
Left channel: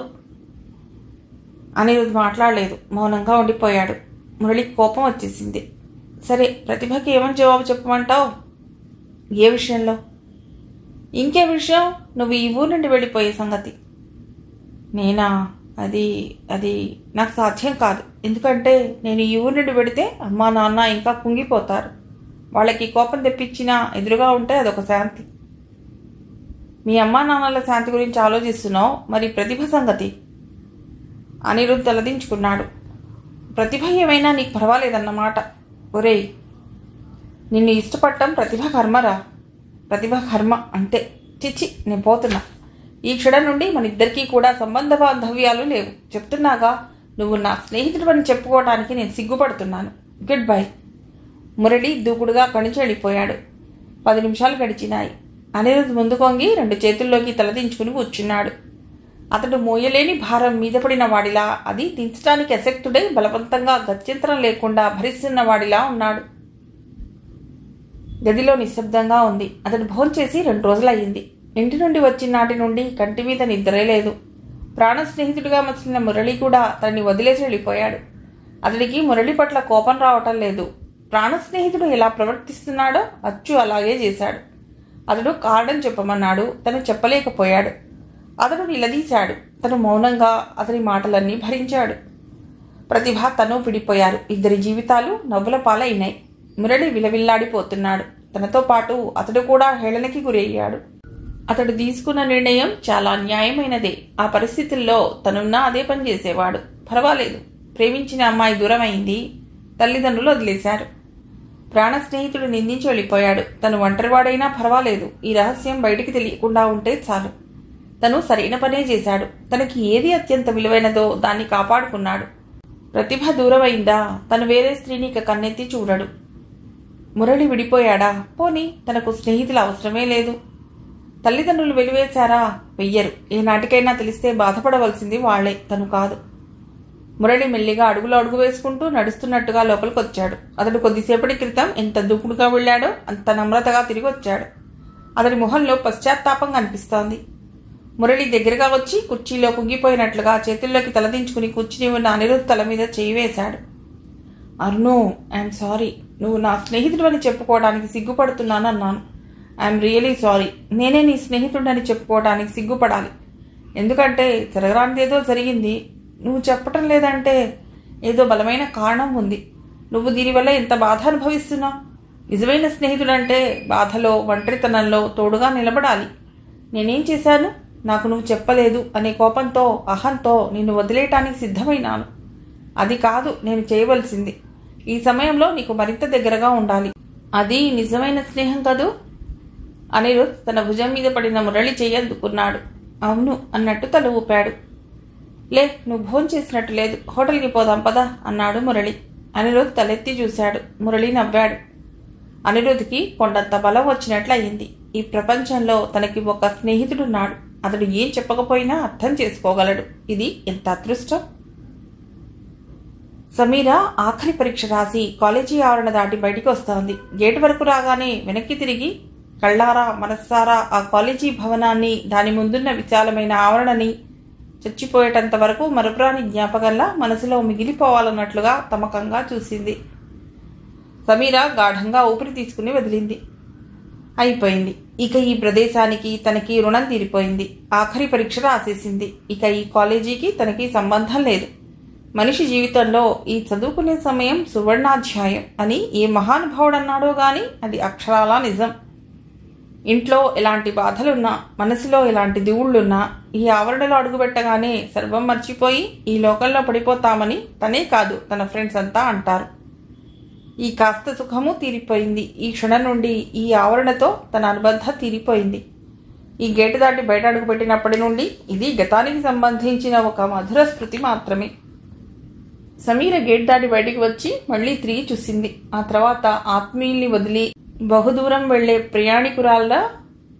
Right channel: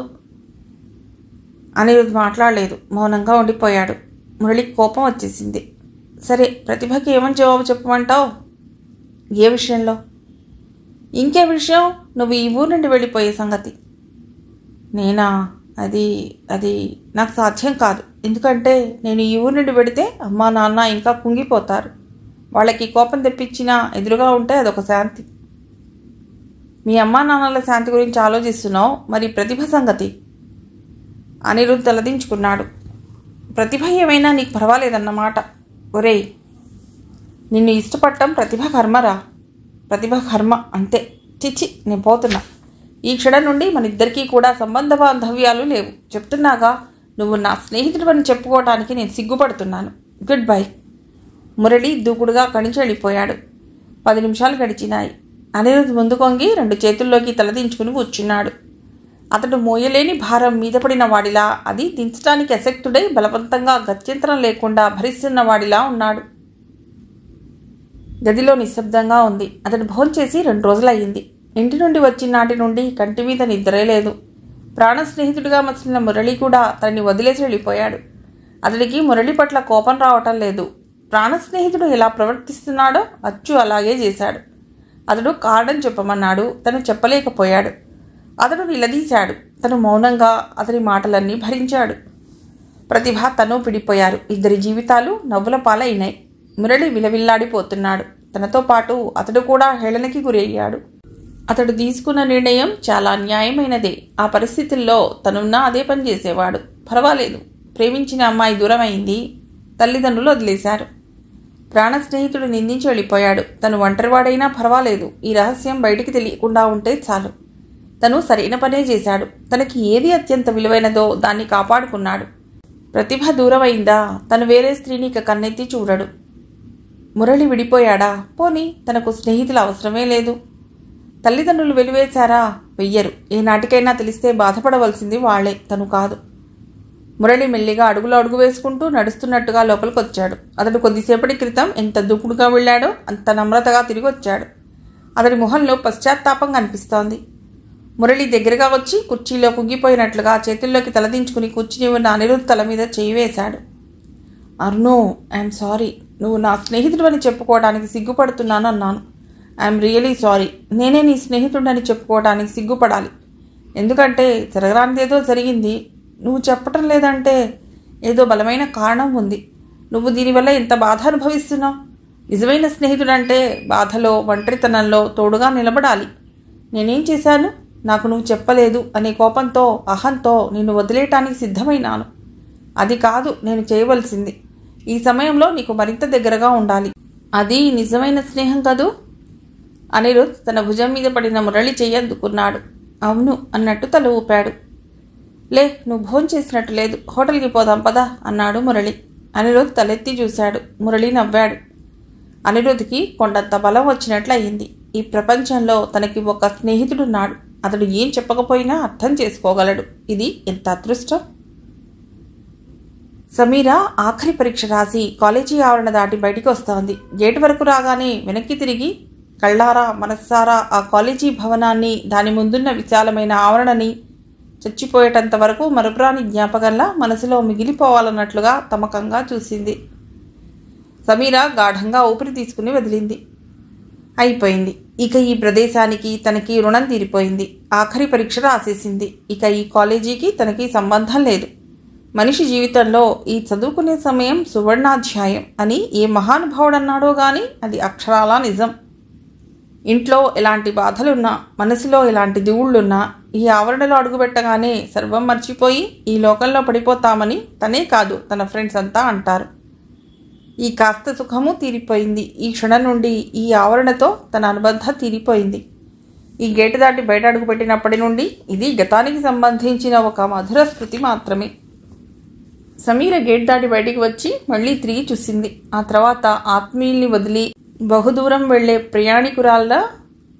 అనిరుద్ధ్ మాట్లాడలేదు. మౌనంగా ఉండిపోయాడు. మురళికి కోపం వచ్చేసింది. సరే, ప్రతిభకి ఏమని జవాబు చెప్పమంటావు? ఏ విషయంలో? ఇంకే విషయం? నువ్వు ఈ ఊరు నుండి వెళ్ళిపోయే సంగతి. నేనా? అది నాకు సాధ్యం కాదు. ఎందుకంటే నేను ఈ ఊరు నుండి పెడితే అమ్మా నాన్న ఇంకా కుంగిపోతారు. వాళ్ళకి కోపం తెప్పించినా ఎదురుగా ఉంటే అదొక శాంతి. మీ అమ్మా నాన్నల శాంతి గురించి ఆలోచిస్తున్నావు, మరి ప్రతిభ సంగతి? అనిరుద్ధ్ తలదించుకున్నాడు. ప్రతిభ ఏమైనా నీకు పర్వాలేదన్నమాట. ఒరేయ్, నిన్ను ఇష్టపడటం ప్రతిభ కర్మరా. ప్రతిభ కర్మ అంతే. చిచ్చి, నేను పోతున్నా. ఈ క్షణం నుండి మన ఇద్దరికీ కూడా సంబంధ బాంధవ్యాలు లేవు. చెప్తున్నాగా, నువ్వు నా స్నేహితుడు అని చెప్పుకోవడానికి నేను సిగ్గుపడుతున్నాను. Good bye. మురళి దూకుడుగా కణించి వెళ్ళిపోయాడు. 10 నిమిషాలు గడిచినాయి. అనిరుద్ ముందు కొంగి 2 చేతుల్లోకి తలదించుకుని కూర్చున్నాడు. అతడు మోయలేని భారం మీద పడిన వాడిలా, అది దించడానికి అశక్తుడై బలవంతంగా గత్యంతరం లేకుండా భరిస్తున్న వాడిలా ఉన్నాడు. గదిలో నిశ్శబ్దంగా ఉంది. అతడు భోంచేసి 2 రోజులయ్యింది. ఇంటి నుండి వచ్చిన నాటి నుండి కంటి మీద నిద్రే లేదు. ప్రాణ స్నేహితుడిగా మసిలిన మురళి కూడా తనని వదిలేసి వెళ్ళిపోయాడు. అతడికి మురళి పట్ల కోపం రావటం లేదు. ప్రాణ స్నేహితుడు ఎలా ప్రవర్తిస్తున్నాడో అచ్చు అలాగే చేశాడు. అతడు కారణం చెప్పమన్నాడు. తను చెప్పలేకపోయాడు. అతడు నిలదీశాడు. తను మౌనంగా అతని మాటలన్నీ భరించాడు. ప్రతిభ తను విడిపోయారు. ఇద్దరి జీవితాలు నవ్వుల పాలైనాయి. మురళి విలవిల్లాడిపోతున్నాడు. తనతో పాటు అతడు కూడా హేళనకి గురయ్యాడు. అతడు తీసుకున్న నిర్ణయం చాలా న్యాయమైనదే. ఆ పరిస్థితుల్లో తనున్నా అదే పని చేసేవాడు. పర్వాలేదు, ప్రేమించిన అమ్మాయి దూరం అయింది. తల్లిదండ్రులు వదిలేశారు. ప్రాణ స్నేహితుడు నిందించి వెళ్ళిపోయాడు. తను ఒంటరివాడైనా పర్వాలేదు, ఈ రహస్యం బయటికి తెలియకుండా ఉంటే చాలు. తను సరైన పనే చేశాడు. తనకి ఏది అత్యంత విలువైనదో దాన్ని కాపాడుకున్నాడు. ప్రతిభ దూరమైందా, తను వేరే స్త్రీని ఇక కన్నెత్తి చూడడు. మురళి విడిపోయాడా, పోనీ తనకు స్నేహితుల అవసరమే లేదు. తల్లిదండ్రులు వెలివేశారా, వెయ్యరు. ఏ నాటికైనా తెలిస్తే బాధపడవలసింది వాళ్లే, తను కాదు. మురళి మెల్లిగా అడుగులో అడుగు వేసుకుంటూ నడుస్తున్నట్టుగా లోపలికొచ్చాడు. అతడు కొద్దిసేపటి క్రితం ఎంత దూకుడుగా వెళ్లాడో అంత నమ్రతగా తిరిగి వచ్చాడు. అతడి మొహంలో పశ్చాత్తాపం కనిపిస్తోంది. మురళి దగ్గరగా వచ్చి కుర్చీలో కుంగిపోయినట్లుగా చేతుల్లోకి తలదించుకుని కూర్చుని ఉన్న అనిరుద్ తల మీద చేయి వేశాడు. అర్ను, ఐఎమ్ సారీ. నువ్వు నా స్నేహితుడు అని చెప్పుకోవడానికి సిగ్గుపడుతున్నాను అన్నాను. I'm really sorry. నేనే నీ స్నేహితుడని చెప్పుకోవడానికి సిగ్గుపడాలి. ఎందుకంటే జరగరానిదేదో జరిగింది. నువ్వు చెప్పటం లేదంటే ఏదో బలమైన కారణం ఉంది. నువ్వు దీనివల్ల ఎంత బాధ అనుభవిస్తున్నావు. నిజమైన స్నేహితుడంటే బాధలో, ఒంటరితనంలో తోడుగా నిలబడాలి. నేనేం చేశాను? నాకు నువ్వు చెప్పలేదు అనే కోపంతో, అహంతో నిన్ను వదిలేయటానికి సిద్ధమైనాను. అది కాదు నేను చేయవలసింది. ఈ సమయంలో నీకు మరింత దగ్గరగా ఉండాలి. అది నిజమైన స్నేహం కదూ? అనిరుద్ తన భుజం మీద పడిన మురళి చెయ్యందుకున్నాడు. అవును అన్నట్టు తల ఊపాడు. లే, నువ్వు భోంచేసినట్టు లేదు, హోటల్కి పోదాం పదా అన్నాడు మురళి. అనిరుద్ తలెత్తి చూశాడు. మురళి నవ్వాడు. అనిరుద్కి కొండంత బలం వచ్చినట్లు అయింది. ఈ ప్రపంచంలో తనకి ఒక స్నేహితుడున్నాడు. అతడు ఏం చెప్పకపోయినా అర్థం చేసుకోగలడు. ఇది ఎంత అదృష్టం. సమీర ఆఖరి పరీక్ష రాసి కాలేజీ ఆవరణ దాటి బయటికి వస్తోంది. గేటు వరకు రాగానే వెనక్కి తిరిగి కళ్ళారా మనస్సారా ఆ కాలేజీ భవనాన్ని, దాని ముందున్న విశాలమైన ఆవరణని చచ్చిపోయేటంత వరకు మరుపురాని జ్ఞాపకంలా మనసులో మిగిలిపోవాలన్నట్లుగా తమకంగా చూసింది. సమీర గాఢంగా ఊపిరి తీసుకుని వదిలింది. అయిపోయింది. ఇక ఈ ప్రదేశానికి తనకి రుణం తీరిపోయింది. ఆఖరి పరీక్ష రాసేసింది. ఇక ఈ కాలేజీకి తనకి సంబంధం లేదు. మనిషి జీవితంలో ఈ చదువుకునే సమయం సువర్ణాధ్యాయం అని ఏ మహానుభావుడన్నాడో గాని అది అక్షరాలా నిజం. ఇంట్లో ఎలాంటి బాధలున్నా, మనసులో ఎలాంటి దివుళ్లున్నా ఈ ఆవరణలో అడుగుపెట్టగానే సర్వం మర్చిపోయి ఈ లోకంలో పడిపోతామని తనే కాదు తన ఫ్రెండ్స్ అంతా అంటారు. ఈ కాస్త సుఖము తీరిపోయింది. ఈ క్షణం నుండి ఈ ఆవరణతో తన అనుబంధం తీరిపోయింది. ఈ గేటు దాటి బయట అడుగుపెట్టినప్పటి నుండి ఇది గతానికి సంబంధించిన ఒక మధుర స్మృతి మాత్రమే. సమీర గేట్ దాటి బయటికి వచ్చి మళ్లీ తిరిగి చూసింది. ఆ తర్వాత ఆత్మీయుల్ని వదిలి బహుదూరం వెళ్లే ప్రయాణికురాల్లా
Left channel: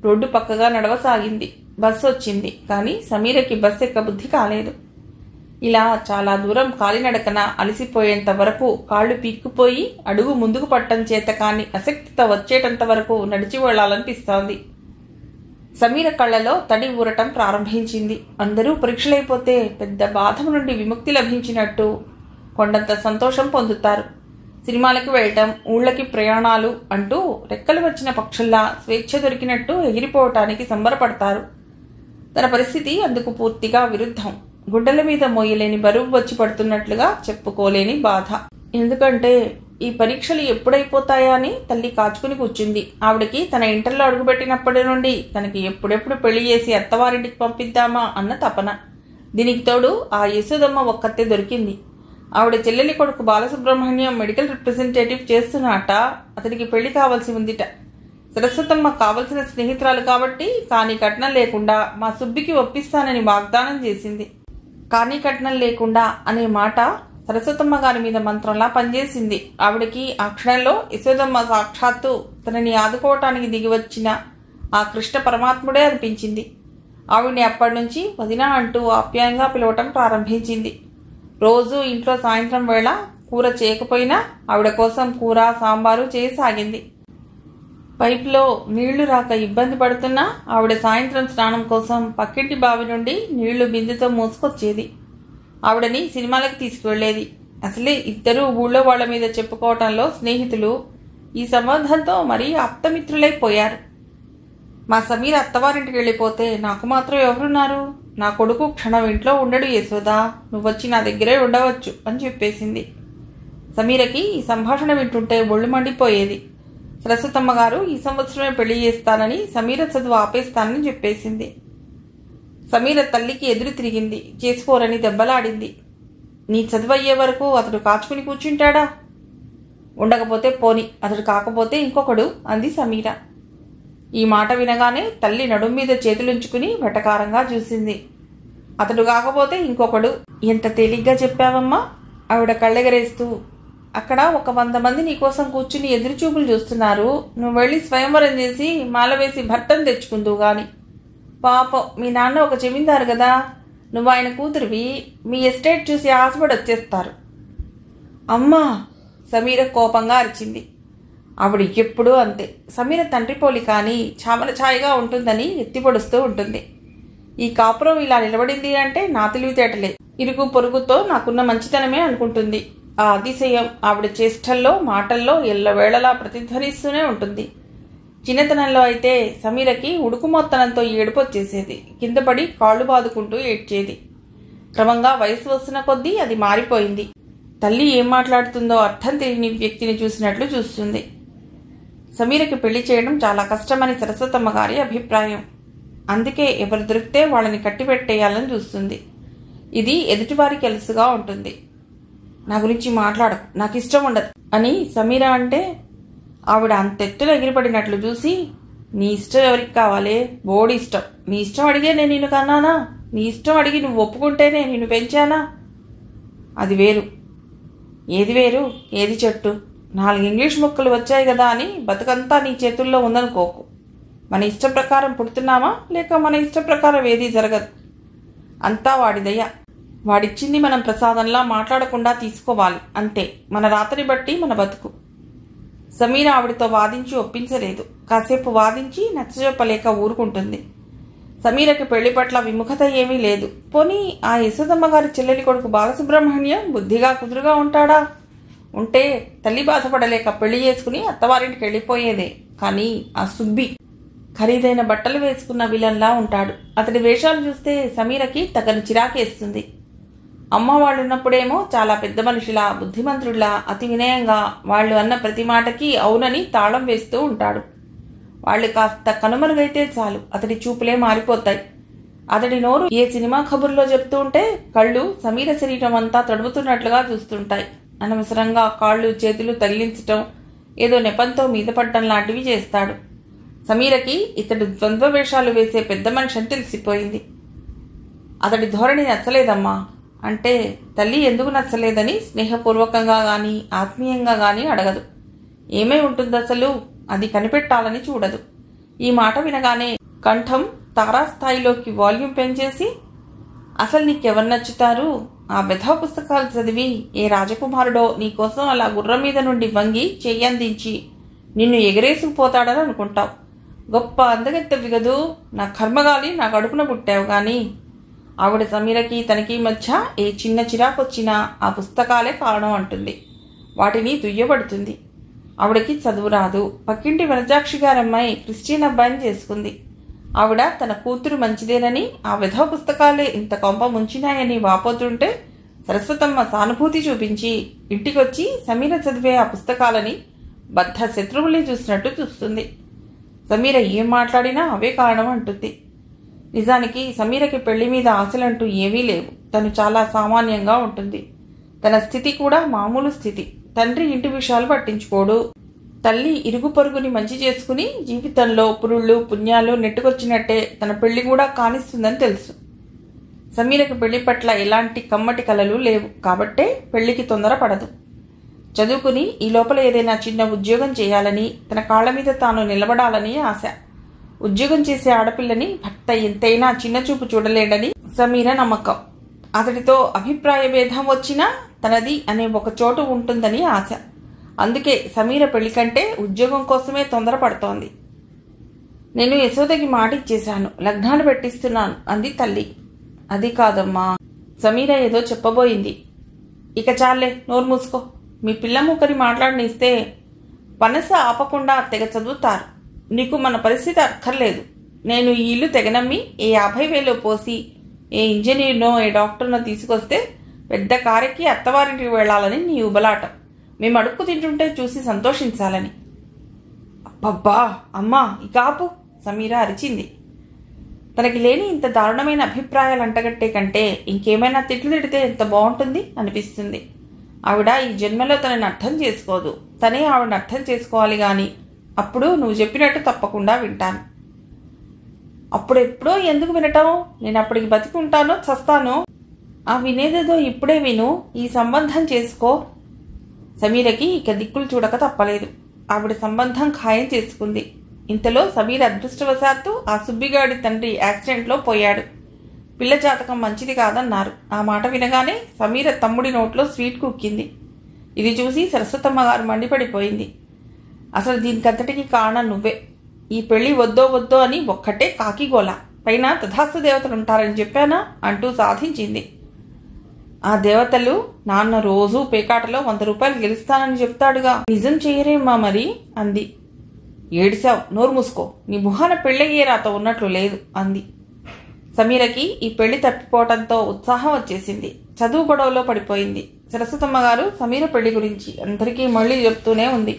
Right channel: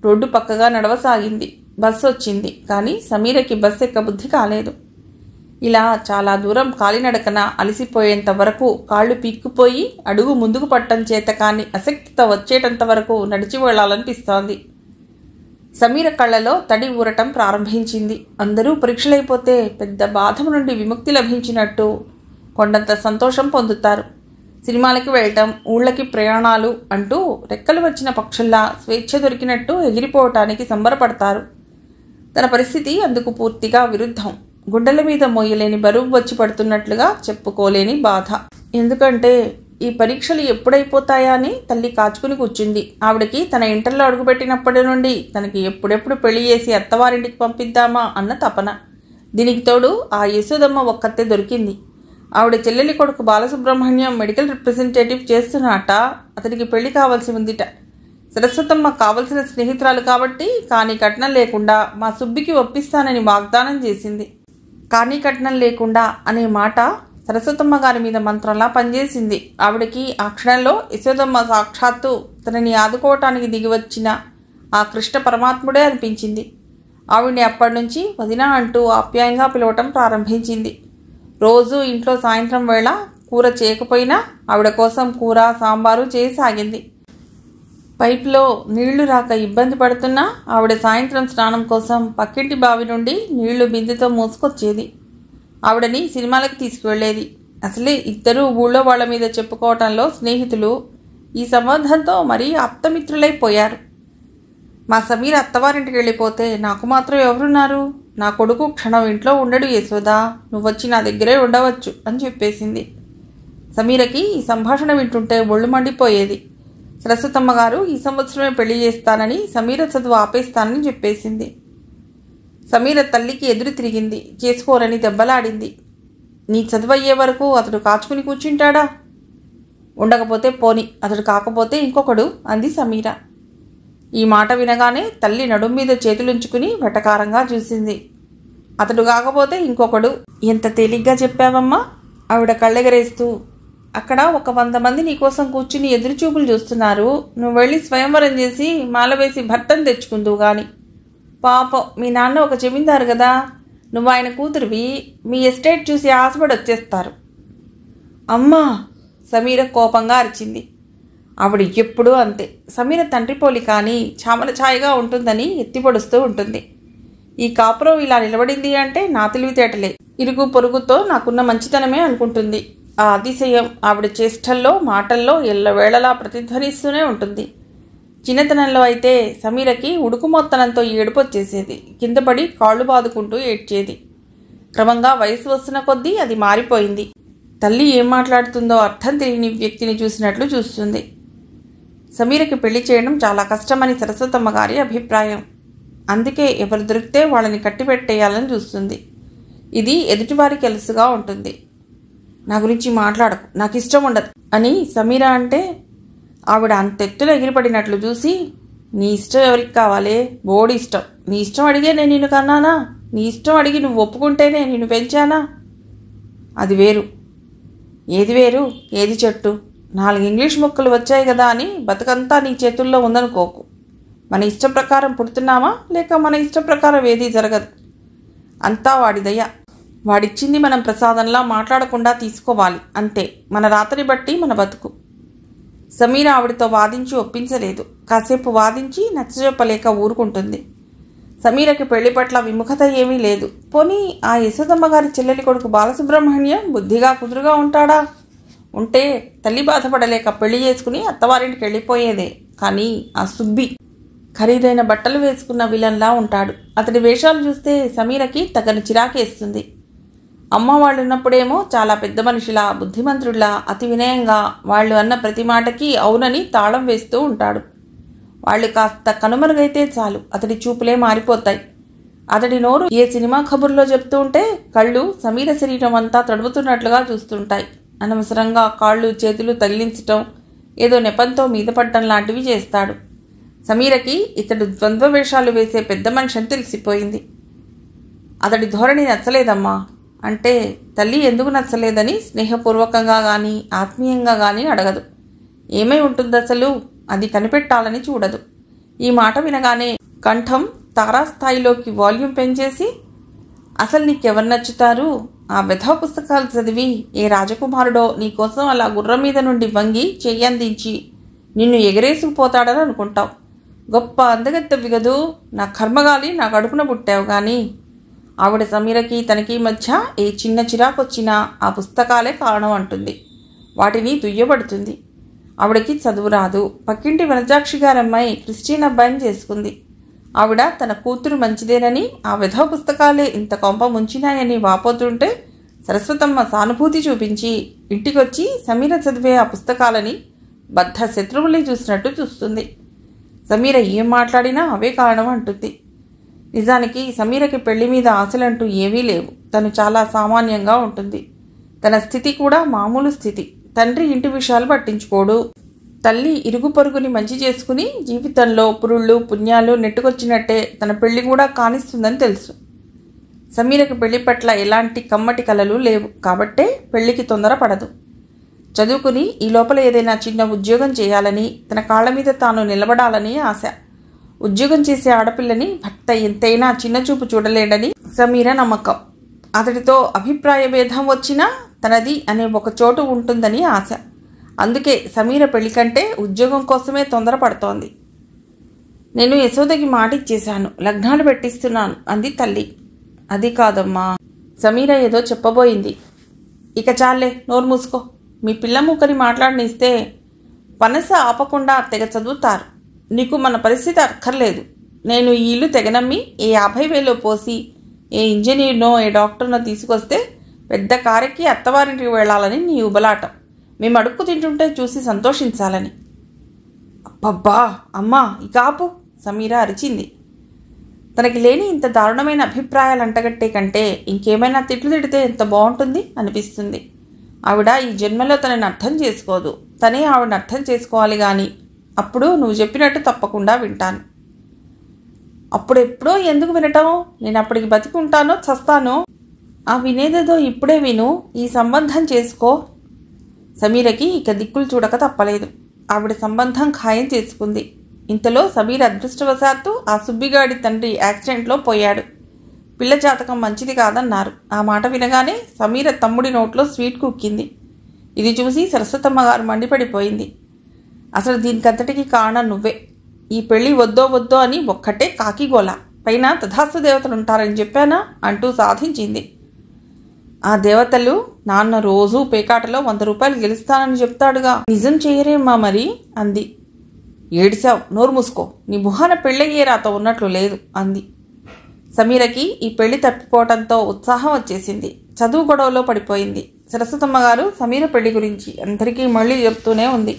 రోడ్డు పక్కగా నడవసాగింది. బస్సు వచ్చింది. కానీ సమీరకి బస్సు ఎక్క బుద్ధి కాలేదు. ఇలా చాలా దూరం కాలినడకన అలసిపోయేంత వరకు, కాళ్లు పీక్కుపోయి అడుగు ముందుకు పట్టం చేత కాని అశక్తితో వచ్చేటంత వరకు నడిచి వెళ్లాలనిపిస్తోంది. సమీర కళ్లలో తడి ఊరటం ప్రారంభించింది. అందరూ పరీక్షలైపోతే పెద్ద బాధ నుండి విముక్తి లభించినట్టు కొండంత సంతోషం పొందుతారు. సినిమాలకి వెళ్ళటం, ఊళ్ళకి ప్రయాణాలు అంటూ రెక్కలు వచ్చిన పక్షుల్లా స్వేచ్ఛ దొరికినట్టు ఎగిరిపోవటానికి సంబరపడతారు. తన పరిస్థితి అందుకు పూర్తిగా విరుద్ధం. గుడ్డల మీద మోయలేని బరువు వచ్చి పడుతున్నట్లుగా చెప్పుకోలేని బాధ. ఎందుకంటే ఈ పరీక్షలు ఎప్పుడైపోతాయా అని తల్లి కాచుకుని కూర్చుంది. ఆవిడకి తన ఇంటర్లో అడుగుపెట్టినప్పటి నుండి తనకి ఎప్పుడెప్పుడు పెళ్లి చేసి అత్తవారింటికి పంపిద్దామా అన్న తపన. దీనికి తోడు ఆ యశోదమ్మ ఒక్కతే దొరికింది. ఆవిడ చెల్లెలి కొడుకు బాలసుబ్రహ్మణ్యం మెడికల్ రిప్రజెంటేటివ్ చేస్తున్నట. అతడికి పెళ్లి కావాల్సి ఉందిట. సరస్వతమ్మ కావలసిన స్నేహితురాలు కాబట్టి కానీ కట్నం లేకుండా మా సుబ్బికి ఒప్పిస్తానని వాగ్దానం చేసింది. కానీ కట్నం లేకుండా అనే మాట సరస్వతమ్మ గారి మీద మంత్రంలా పనిచేసింది. ఆవిడకి ఆ క్షణంలో యశోదమ్మ సాక్షాత్తు తనని ఆదుకోవటానికి దిగివచ్చిన ఆ కృష్ణ పరమాత్ముడే అనిపించింది. ఆవిడ్ని అప్పటి నుంచి వదిన అంటూ ఆప్యాయంగా పిలవటం ప్రారంభించింది. రోజు ఇంట్లో సాయంత్రం వేళ కూర చేయకపోయినా ఆవిడ కోసం కూర సాంబారు చేయసాగింది. పైపులో నీళ్లు రాక ఇబ్బంది పడుతున్నా ఆవిడ సాయంత్రం స్నానం కోసం పక్కింటి బావి నుండి నీళ్లు బిందెతో మోసుకొచ్చేది. ఆవిడని సినిమాలకు తీసుకువెళ్లేది. అసలే ఇద్దరూ ఊళ్ళో వాళ్ల మీద చెప్పుకోవటంలో స్నేహితులు. ఈ సంబంధంతో మరీ ఆప్తమిత్రులైపోయారు. మా సమీర అత్తవారింటికి వెళ్ళిపోతే నాకు మాత్రం ఎవరున్నారు? నా కొడుకు క్షణం ఇంట్లో ఉండడు యశోదా, నువ్వొచ్చి నా దగ్గరే ఉండవచ్చు అని చెప్పేసింది. సమీరకి ఈ సంభాషణ వింటుంటే ఒళ్ళు మండిపోయేది. సరస్వతమ్మ గారు ఈ సంవత్సరమే పెళ్లి చేస్తానని, సమీర చదువు ఆపేస్తానని చెప్పేసింది. సమీర తల్లికి ఎదురు తిరిగింది. చేసుకోరని దెబ్బలాడింది. నీ చదువు అయ్యే వరకు అతడు కాచుకుని కూర్చుంటాడా? ఉండకపోతే పోని, అతడు కాకపోతే ఇంకొకడు అంది సమీర. ఈ మాట వినగానే తల్లి నడుం మీద చేతులుంచుకుని వెటకారంగా చూసింది. అతడు కాకపోతే ఇంకొకడు ఎంత తేలిగ్గా చెప్పావమ్మా? ఆవిడ కళ్ళెగరేస్తూ, అక్కడ 100 మంది నీకోసం కూర్చుని ఎదురుచూపులు చూస్తున్నారు. నువ్వు వెళ్ళి స్వయంవరం చేసి మాల వేసి భర్తను తెచ్చుకుందువు గాని. పాపం మీ నాన్న ఒక జమీందారు కదా, నువ్వు ఆయన కూతురివి, మీ ఎస్టేట్ చూసి ఆశపడి వచ్చేస్తారు. అమ్మా! సమీర కోపంగా అరిచింది. ఆవిడ ఎప్పుడూ అంతే. సమీర తండ్రి పోలి కానీ చామల ఛాయగా ఉంటుందని ఎత్తిపొడుస్తూ ఉంటుంది. ఈ కాపురం ఇలా నిలబడింది అంటే నా తెలివితేటలే, ఇరుగు పొరుగుతో నాకున్న మంచితనమే అనుకుంటుంది. ఆ అతిశయం ఆవిడ చేష్టల్లో మాటల్లో ఎల్లవేళలా ప్రతిధ్వనిస్తూనే ఉంటుంది. చిన్నతనంలో అయితే సమీరకి ఉడుకుమొత్తనంతో ఏడుపొచ్చేసేది. కిందపడి కాళ్ళు బాదుకుంటూ ఏడ్చేది. క్రమంగా వయసు వస్తున్న కొద్దీ అది మారిపోయింది. తల్లి ఏం మాట్లాడుతుందో అర్థం తెలియని వ్యక్తిని చూసినట్లు చూస్తుంది. సమీరకి పెళ్లి చేయడం చాలా కష్టమని సరస్వతమ్మ గారి అభిప్రాయం. అందుకే ఎవరు దొరికితే వాళ్ళని కట్టిపెట్టేయాలని చూస్తుంది. ఇది ఎదుటివారికి అలుసుగా ఉంటుంది. నా గురించి మాట్లాడకు, నాకు ఇష్టం ఉండదు అని సమీర అంటే ఆవిడ అంతెత్తున ఎగిరిపడినట్లు చూసి, నీ ఇష్టం ఎవరికి కావాలే? బోడి ఇష్టం. నీ ఇష్టం అడిగే నేను నిన్ను కన్నానా? నీ ఇష్టం అడిగి నువ్వు ఒప్పుకుంటేనే నిన్ను పెంచానా? అది వేరు. ఏది వేరు? ఏది చెట్టు? 4 ఇంగ్లీష్ ముక్కలు వచ్చాయి కదా అని బతుకంతా నీ చేతుల్లో ఉందనుకోకు. మన ఇష్టం ప్రకారం పుడుతున్నామా లేక మన ఇష్టం ప్రకారం ఏదీ జరగదు. అంతా వాడి దయ. వాడిచ్చింది మనం ప్రసాదంలా మాట్లాడకుండా తీసుకోవాలి అంతే. మన రాతని బట్టి మన బతుకు. సమీర ఆవిడతో వాదించి ఒప్పించలేదు. కాసేపు వాదించి నచ్చజెప్పలేక ఊరుకుంటుంది. సమీరకి పెళ్లి పట్ల విముఖత ఏమీ లేదు. పోనీ ఆ యశోదమ్మ గారి చెల్లెలి కొడుకు బాలసుబ్రహ్మణ్యం బుద్ధిగా కుదురుగా ఉంటాడా? ఉంటే తల్లి బాధపడలేక పెళ్లి చేసుకుని అత్తవారింటికి వెళ్ళిపోయేదే. కానీ ఆ సుబ్బి ఖరీదైన బట్టలు వేసుకున్న విలన్లా ఉంటాడు. అతడి వేషాలు చూస్తే సమీరకి తగని చిరాకేస్తుంది. అమ్మ వాళ్ళున్నప్పుడేమో చాలా పెద్ద మనిషిలా, బుద్ధిమంతుడిలా, అతి వినయంగా వాళ్ళు అన్న ప్రతి మాటకి అవునని తాళం వేస్తూ ఉంటాడు. వాళ్ళు కాస్త కనుమరుగైతే చాలు అతడి చూపులే మారిపోతాయి. అతడి నోరు ఏ సినిమా కబుర్లో చెప్తూ ఉంటే కళ్ళు సమీర శరీరం అంతా తడుపుతున్నట్లుగా చూస్తుంటాయి. అనవసరంగా కాళ్ళు చేతులు తగిలించటం, ఏదో నెపంతో మీద పడటం లాంటివి చేస్తాడు. సమీరకి ఇతడు ద్వంద్వ వేషాలు వేసే పెద్ద మనిషి అని తెలిసిపోయింది. అతడి ధోరణి నచ్చలేదమ్మా అంటే తల్లి ఎందుకు నచ్చలేదని స్నేహపూర్వకంగా గాని ఆత్మీయంగా గాని అడగదు. ఏమై ఉంటుంది అసలు? అది కనిపెట్టాలని చూడదు. ఈ మాట వినగానే కంఠం తారాస్థాయిలోకి వాల్యూమ్ పెంచేసి, అసలు నీకెవరు నచ్చుతారు? ఆ వెధవ పుస్తకాలు చదివి ఏ రాజకుమారుడో నీకోసం అలా గుర్రం మీద నుండి వంగి చెయ్యందించి నిన్ను ఎగరేసుకుపోతాడని అనుకుంటావు. గొప్ప అందగత్తెవి గదూ, నా కర్మగాలి నా కడుపున పుట్టావు. గాని ఆవిడ సమీరకి తనకి మధ్య ఏ చిన్న చిరాకొచ్చినా ఆ పుస్తకాలే కారణం అంటుంది. వాటిని దుయ్యబడుతుంది. ఆవిడకి చదువు రాదు. పక్కింటి వనజాక్షి గారమ్మాయి క్రిస్టియన్ అబ్బాయిని చేసుకుంది. ఆవిడ తన కూతురు మంచిదేనని, ఆ విధవ పుస్తకాలే ఇంత కొంప ముంచినాయని వాపోతుంటే సరస్వతమ్మ సానుభూతి చూపించి ఇంటికొచ్చి సమీర చదివే ఆ పుస్తకాలని బద్ధ శత్రువుల్ని చూసినట్టు చూస్తుంది. సమీర ఏం మాట్లాడినా అవే కారణం అంటుంది. నిజానికి సమీరకి పెళ్లి మీద ఆశలంటూ ఏమీ లేవు. తను చాలా సామాన్యంగా ఉంటుంది. తన స్థితి కూడా మామూలు స్థితి. తండ్రి ఇంటి విషయాలు పట్టించుకోడు. తల్లి ఇరుగు పొరుగుని మంచి చేసుకుని జీవితంలో పురుళ్ళు పుణ్యాలు నెట్టుకొచ్చినట్టే తన పెళ్లి కూడా కానిస్తుందని తెలుసు. సమీరకు పెళ్లి పట్ల ఎలాంటి కమ్మటి కలలు లేవు కాబట్టే పెళ్లికి తొందర పడదు. చదువుకుని ఈ లోపల ఏదైనా చిన్న ఉద్యోగం చేయాలని, తన కాళ్ల మీద తాను నిలబడాలని ఆశ. ఉద్యోగం చేసే ఆడపిల్లని భర్త ఎంతైనా చిన్నచూపు చూడలేడని సమీర నమ్మకం. అతడితో అభిప్రాయ భేదం వచ్చినా తనది అనే ఒక చోటు ఉంటుందని ఆశ. అందుకే సమీర పెళ్లి కంటే ఉద్యోగం కోసమే తొందరపడుతోంది. నేను యశోదకి మాటిచ్చేశాను, లగ్నాలు పెట్టిస్తున్నాను అంది తల్లి. అది కాదమ్మా. సమీర ఏదో చెప్పబోయింది. ఇక చాలే, నోరు మూసుకో. మీ పిల్ల మూకని మాట్లాడనిస్తే పనస ఆపకుండా తెగ చదువుతారు. నీకు మన పరిస్థితి అక్కర్లేదు. నేను ఈ ఇల్లు తెగనమ్మి ఏ 50,000 పోసి ఏ ఇంజనీర్నో ఏ డాక్టర్నో తీసుకొస్తే పెద్ద కారెక్కి అత్తవారింటికి వెళ్లాలని నీ ఉబలాటం. మేము అడుక్కు తింటుంటే చూసి సంతోషించాలని. అబ్బబ్బా అమ్మా, ఇక ఆపు, సమీర అరిచింది. తనకి లేని ఇంత దారుణమైన అభిప్రాయాలు అంటగట్టే కంటే ఇంకేమైనా తిట్లు తిడితే ఎంత బాగుంటుంది అనిపిస్తుంది. ఆవిడ ఈ జన్మలో తనని అర్థం చేసుకోదు. తనే ఆవిడని అర్థం చేసుకోవాలి గాని అప్పుడు నువ్వు చెప్పినట్టు తప్పకుండా వింటాను. అప్పుడెప్పుడో ఎందుకు వినటం? నేను అప్పటికి బతికుంటానో చస్తానో? ఆ వినేదేదో ఇప్పుడే విను. ఈ సంబంధం చేసుకో. సమీరకి ఇక దిక్కులు చూడక తప్పలేదు. ఆవిడ సంబంధం ఖాయం చేసుకుంది. ఇంతలో సమీర అదృష్టవశాత్తు ఆ సుబ్బిగాడి తండ్రి యాక్సిడెంట్లో పోయాడు. పిల్ల జాతకం మంచిది కాదన్నారు. ఆ మాట వినగానే సమీర తమ్ముడి నోట్లో స్వీట్ కుక్కింది. ఇది చూసి సరస్వతమ్మ గారు మండిపడిపోయింది. అసలు దీనికంతటికి కారణం నువ్వే. ఈ పెళ్లి వద్దో వద్దో అని ఒక్కటే కాకిగోల. పైన తథాస్తు దేవతలుంటారని చెప్పానా అంటూ సాధించింది. ఆ దేవతలు నాన్న రోజూ పేకాటలో 100 రూపాయలు గెలుస్తానని చెప్తాడుగా, నిజం చేయరేమ్మా మరి అంది. ఏడిసావు, నోరు మూసుకో. నీ ముఖాన పెళ్ళయ్యే రాత ఉన్నట్లు లేదు అంది. సమీరకి ఈ పెళ్లి తప్పిపోవటంతో ఉత్సాహం వచ్చేసింది. చదువు గొడవలో పడిపోయింది. సరస్వతమ్మ గారు సమీర పెళ్లి గురించి అందరికీ మళ్ళీ చెప్తూనే ఉంది.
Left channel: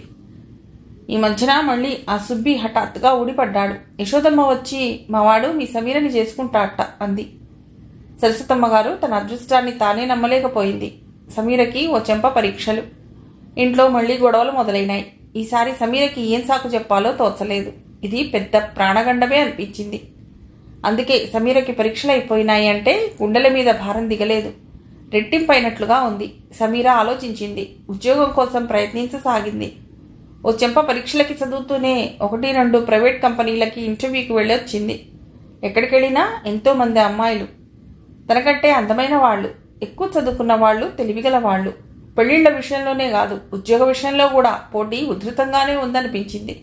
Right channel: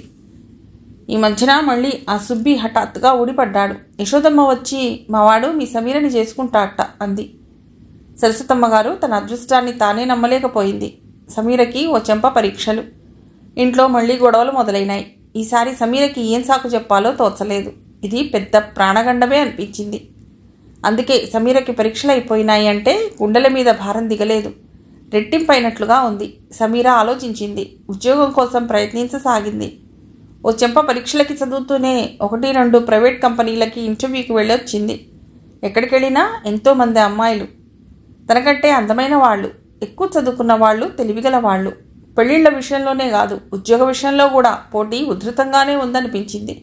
ఈ మధ్యన మళ్ళీ ఆ సుబ్బి హఠాత్తుగా ఊడిపడ్డాడు. యశోదమ్మ వచ్చి మావాడు మీ సమీరని చేసుకుంటాడట అంది. సరస్వతమ్మ గారు తన అదృష్టాన్ని తానే నమ్మలేకపోయింది. సమీరకి ఓ చెంప పరీక్షలు. ఇంట్లో మళ్లీ గొడవలు మొదలైనాయి. ఈసారి సమీరకి ఏం సాకు చెప్పాలో తోచలేదు. ఇది పెద్ద ప్రాణగండమే అనిపించింది. అందుకే సమీరకి పరీక్షలు అయిపోయినాయి అంటే గుండెల మీద భారం దిగలేదు. రెట్టింపైనట్లుగా ఉంది. సమీర ఆలోచించింది. ఉద్యోగం కోసం ప్రయత్నించసాగింది. ఓ చెంప పరీక్షలకి చదువుతూనే 1-2 ప్రైవేట్ కంపెనీలకి ఇంటర్వ్యూకి వెళ్ళొచ్చింది. ఎక్కడికెళ్ళినా ఎంతోమంది అమ్మాయిలు, తనకంటే అందమైన వాళ్ళు, ఎక్కువ చదువుకున్న వాళ్ళు, తెలివిగల వాళ్ళు. పెళ్లిళ్ల విషయంలోనే కాదు, ఉద్యోగ విషయంలో కూడా పోటీ ఉధృతంగానే ఉందనిపించింది.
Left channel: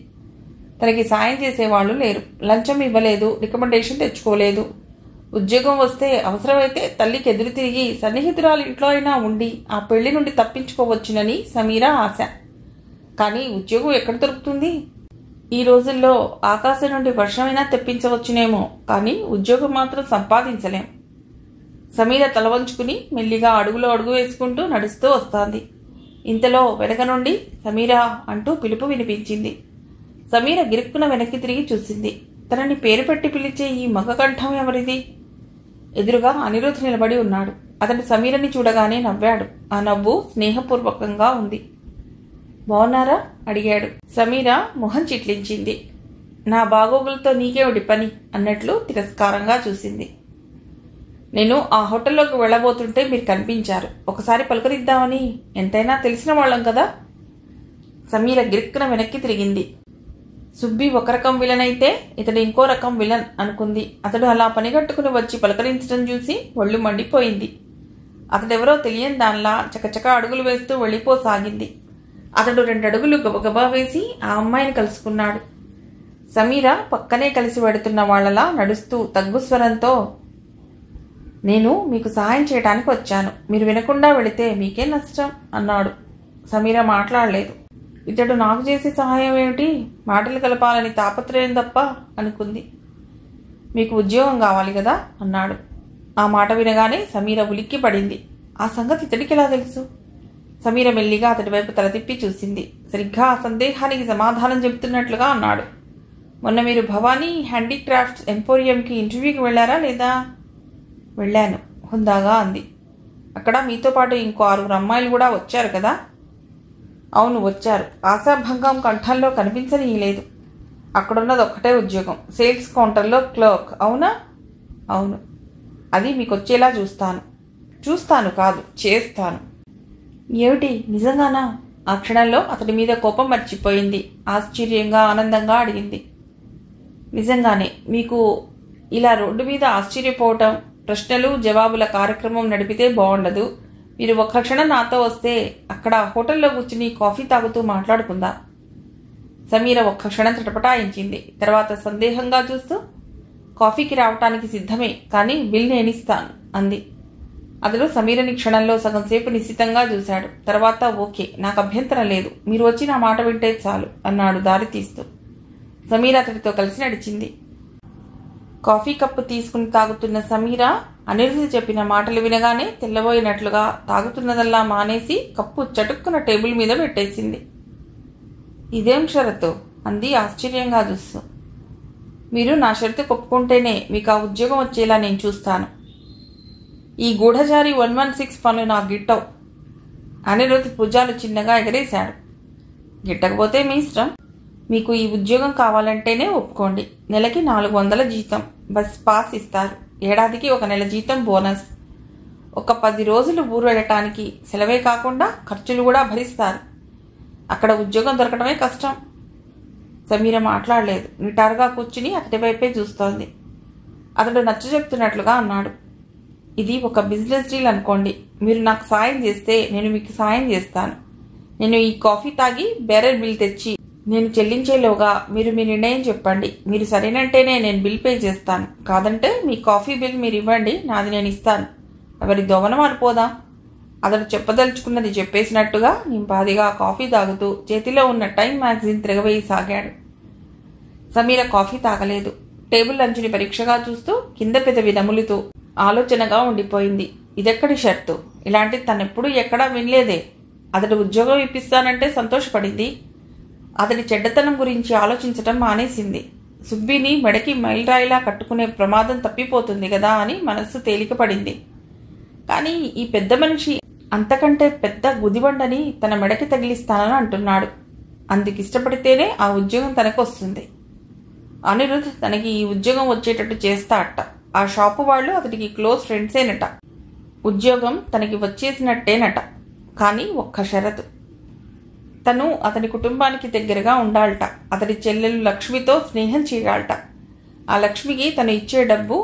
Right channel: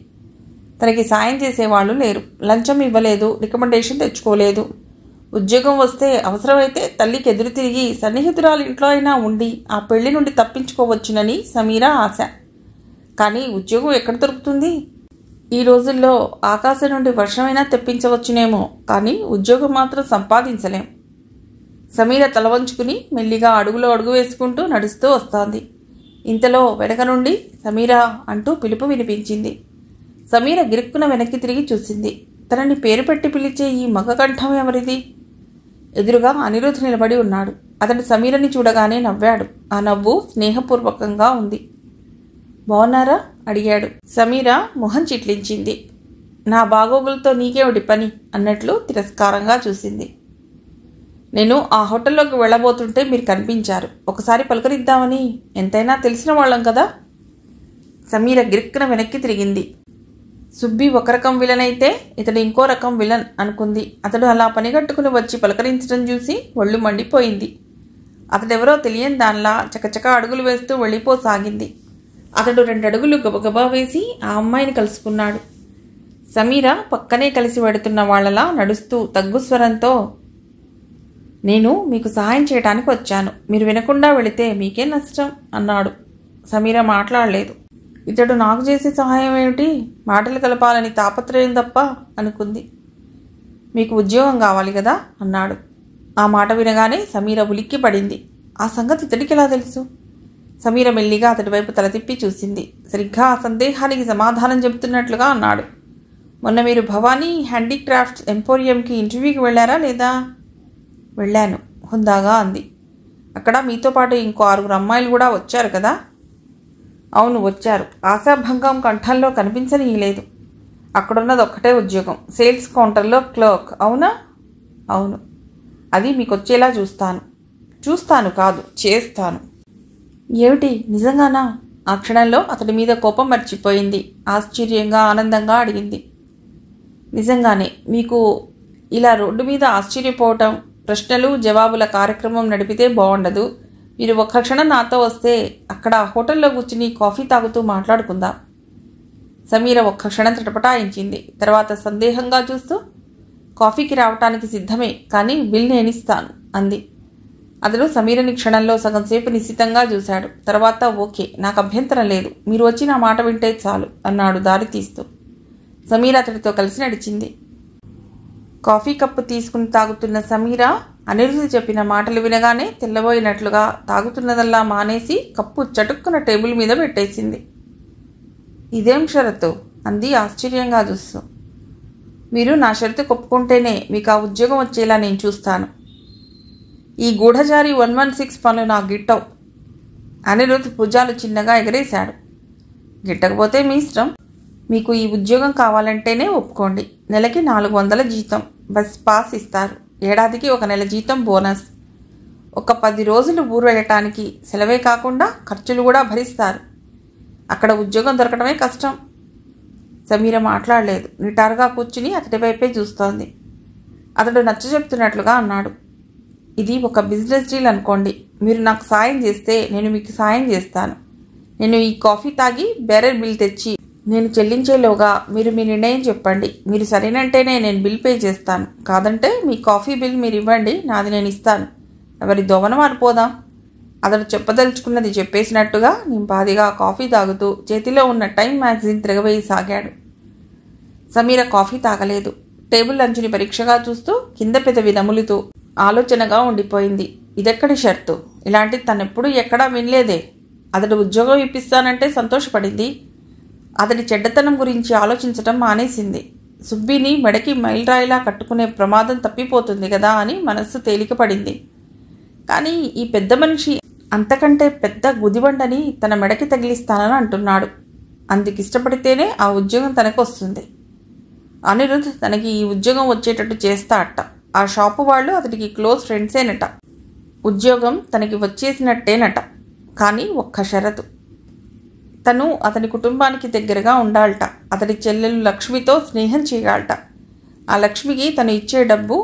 తనకి సాయం చేసేవాళ్లు లేరు. లంచం ఇవ్వలేదు, రికమెండేషన్ తెచ్చుకోలేదు. ఉద్యోగం వస్తే అవసరమైతే తల్లికి ఎదురు తిరిగి సన్నిహితురాలు ఇంట్లో అయినా ఉండి ఆ పెళ్లి నుండి తప్పించుకోవచ్చునని సమీర ఆశ. కానీ ఉద్యోగం ఎక్కడ దొరుకుతుంది? ఈ రోజుల్లో ఆకాశం నుండి వర్షమైనా తెప్పించవచ్చునేమో, కానీ ఉద్యోగం మాత్రం సంపాదించలేం. సమీర తల వంచుకుని మెల్లిగా అడుగులో అడుగు వేసుకుంటూ నడుస్తూ వస్తోంది. ఇంతలో వెనక నుండి సమీర అంటూ పిలుపు వినిపించింది. సమీర గిరుక్కున వెనక్కి తిరిగి చూసింది. తనని పేరు పెట్టి పిలిచే ఈ మగ కంఠం ఎవరిది? ఎదురుగా అనిరుద్ధ్ నిలబడి ఉన్నాడు. అతడు సమీరని చూడగానే నవ్వాడు. ఆ నవ్వు స్నేహపూర్వకంగా ఉంది. బాగున్నారా అడిగాడు. సమీర మొహం చిట్లించింది. నా బాగోగులతో నీకేమిటి పని అన్నట్లు తిరస్కారంగా చూసింది. నేను ఆ హోటల్లోకి వెళ్ళబోతుంటే మీరు కనిపించారు. ఒకసారి పలకరిద్దామని. ఎంతైనా తెలిసిన వాళ్ళం కదా. సమీర గిరిక్కున వెనక్కి తిరిగింది. సుబ్బి ఒక రకం విలన్ అయితే ఇతడు ఇంకో రకం విలన్ అనుకుంది. అతడు అలా పనిగట్టుకుని వచ్చి పలకరించడం చూసి ఒళ్ళు మండిపోయింది. అతడెవరో తెలియని దానిలా చకచక అడుగులు వేస్తూ వెళ్ళిపోసాగింది. అతడు 2 అడుగులు గబగబా వేసి ఆ అమ్మాయిని కలుసుకున్నాడు. సమీర పక్కనే కలిసి వెడుతున్న వాళ్లలా నడుస్తూ తగ్గు స్వరంతో, నేను మీకు సహాయం చేయడానికి వచ్చాను. మీరు వినకుండా వెళితే మీకే నష్టం అన్నాడు. సమీర మాట్లాడలేదు. ఇతడు నాకు చేసే సహాయం ఏమిటి? మాటలు కలపాలని తాపత్రయం తప్ప అనుకుంది. మీకు ఉద్యోగం కావాలి కదా అన్నాడు. ఆ మాట వినగానే సమీర ఉలిక్కి పడింది. ఆ సంగతి ఇతడికి ఎలా తెలుసు? సమీర మెల్లిగా అతడి వైపు తల తిప్పి చూసింది. సరిగ్గా ఆ సందేహానికి సమాధానం చెబుతున్నట్లుగా అన్నాడు. మొన్న మీరు భవానీ హ్యాండీక్రాఫ్ట్స్ ఎంపోరియంకి ఇంటర్వ్యూకి వెళ్ళారా లేదా? వెళ్ళాను హుందాగా అంది. అక్కడ మీతో పాటు ఇంకో 6 అమ్మాయిలు కూడా వచ్చారు కదా? అవును, వచ్చారు. ఆశాభంగం కంఠంలో కనిపించనీయలేదు. అక్కడున్నది ఒక్కటే ఉద్యోగం, సేల్స్ కౌంటర్లో క్లర్క్. అవునా? అవును. అది మీకొచ్చేలా చూస్తాను కాదు, చేస్తాను. ఏమిటి, నిజంగానా? ఆ క్షణంలో అతడి మీద కోపం మర్చిపోయింది. ఆశ్చర్యంగా, ఆనందంగా అడిగింది. నిజంగానే. మీకు ఇలా రోడ్డు మీద ఆశ్చర్యపోవటం, ప్రశ్నలు జవాబుల కార్యక్రమం నడిపితే బాగుండదు. మీరు ఒక్క క్షణం నాతో వస్తే అక్కడ హోటల్లో కూర్చుని కాఫీ తాగుతూ మాట్లాడుకుందాం. సమీర ఒక్క క్షణం తటపటాయించింది. తర్వాత సందేహంగా చూస్తూ, కాఫీకి రావటానికి సిద్ధమే, కానీ బిల్ నేనిస్తాను అంది. అతడు సమీరని క్షణంలో సగంసేపు నిశ్చితంగా చూశాడు. తర్వాత ఓకే, నాకు అభ్యంతరం లేదు, మీరు వచ్చి నా మాట వింటే చాలు అన్నాడు దారి తీస్తూ. సమీర అతడితో కలిసి నడిచింది. కాఫీ కప్పు తీసుకుని తాగుతున్న సమీర అనిరుద్ధ చెప్పిన మాటలు వినగానే తెల్లబోయినట్లుగా తాగుతున్నదల్లా మానేసి కప్పు చటుక్కున టేబుల్ మీద పెట్టేసింది. ఇదేం షరతు అంది ఆశ్చర్యంగా చూస్తూ. మీరు నా షరతు ఒప్పుకుంటేనే మీకు ఆ ఉద్యోగం వచ్చేలా నేను చూస్తాను. ఈ గూఢచారి 116 పనులు నాకు గిట్టవు. అనిరుద్ధ్ భుజాలు చిన్నగా ఎగరేశాడు. గిట్టకపోతే మీ ఇష్టం. మీకు ఈ ఉద్యోగం కావాలంటేనే ఒప్పుకోండి. నెలకి 400 జీతం, బస్ పాస్ ఇస్తారు. ఏడాదికి 1 నెల జీతం బోనస్. ఒక 10 రోజులు ఊరు వెళ్ళటానికి సెలవే కాకుండా ఖర్చులు కూడా భరిస్తారు. అక్కడ ఉద్యోగం దొరకడమే కష్టం. సమీర మాట్లాడలేదు. నిటారుగా కూర్చుని అతడి వైపే చూస్తోంది. అతడు నచ్చజెప్తున్నట్లుగా అన్నాడు. ఇది ఒక బిజినెస్ డీల్ అనుకోండి. మీరు నాకు సాయం చేస్తే నేను మీకు సాయం చేస్తాను. నేను ఈ కాఫీ తాగి బేరర్ బిల్ తెచ్చి నేను చెల్లించేలోగా మీరు మీ నిర్ణయం చెప్పండి. మీరు సరేనంటేనే నేను బిల్ పే చేస్తాను. కాదంటే మీ కాఫీ బిల్ మీరు ఇవ్వండి, నాది నేను ఇస్తాను. ఎవరి దోవన మారిపోదాం. అతడు చెప్పదలుచుకున్నది చెప్పేసినట్టుగా నింపాదిగా కాఫీ తాగుతూ చేతిలో ఉన్న టైం మ్యాగజైన్ తిరగవేయి సాగాడు. సమీర కాఫీ తాగలేదు. టేబుల్ అంచుని పరీక్షగా చూస్తూ కింద పెదవి నములుతూ ఆలోచనగా ఉండిపోయింది. ఇదెక్కడి షర్తు? ఇలాంటిది తనెప్పుడూ ఎక్కడా వినలేదే. అతడు ఉద్యోగం ఇప్పిస్తానంటే సంతోషపడింది. అతడి చెడ్డతనం గురించి ఆలోచించటం మానేసింది. సుబ్బిని మెడకి మైలురాయిలా కట్టుకునే ప్రమాదం తప్పిపోతుంది కదా అని మనస్సు తేలికపడింది. కానీ ఈ పెద్ద మనిషి అంతకంటే పెద్ద గుదిబండని తన మెడకి తగిలిస్తానని అంటున్నాడు. అందుకిష్టపడితేనే ఆ ఉద్యోగం తనకు వస్తుంది. అనిరుద్ధ్ తనకి ఈ ఉద్యోగం వచ్చేటట్టు చేస్తా అట్ట. ఆ షాపు వాళ్ళు అతడికి క్లోజ్ ఫ్రెండ్సేనట. ఉద్యోగం తనకి వచ్చేసినట్టేనట. కానీ ఒక్క షరతు. తను అతని కుటుంబానికి దగ్గరగా ఉండాలట. అతడి చెల్లెలు లక్ష్మితో స్నేహం చేయాలట. ఆ లక్ష్మికి తను ఇచ్చే డబ్బు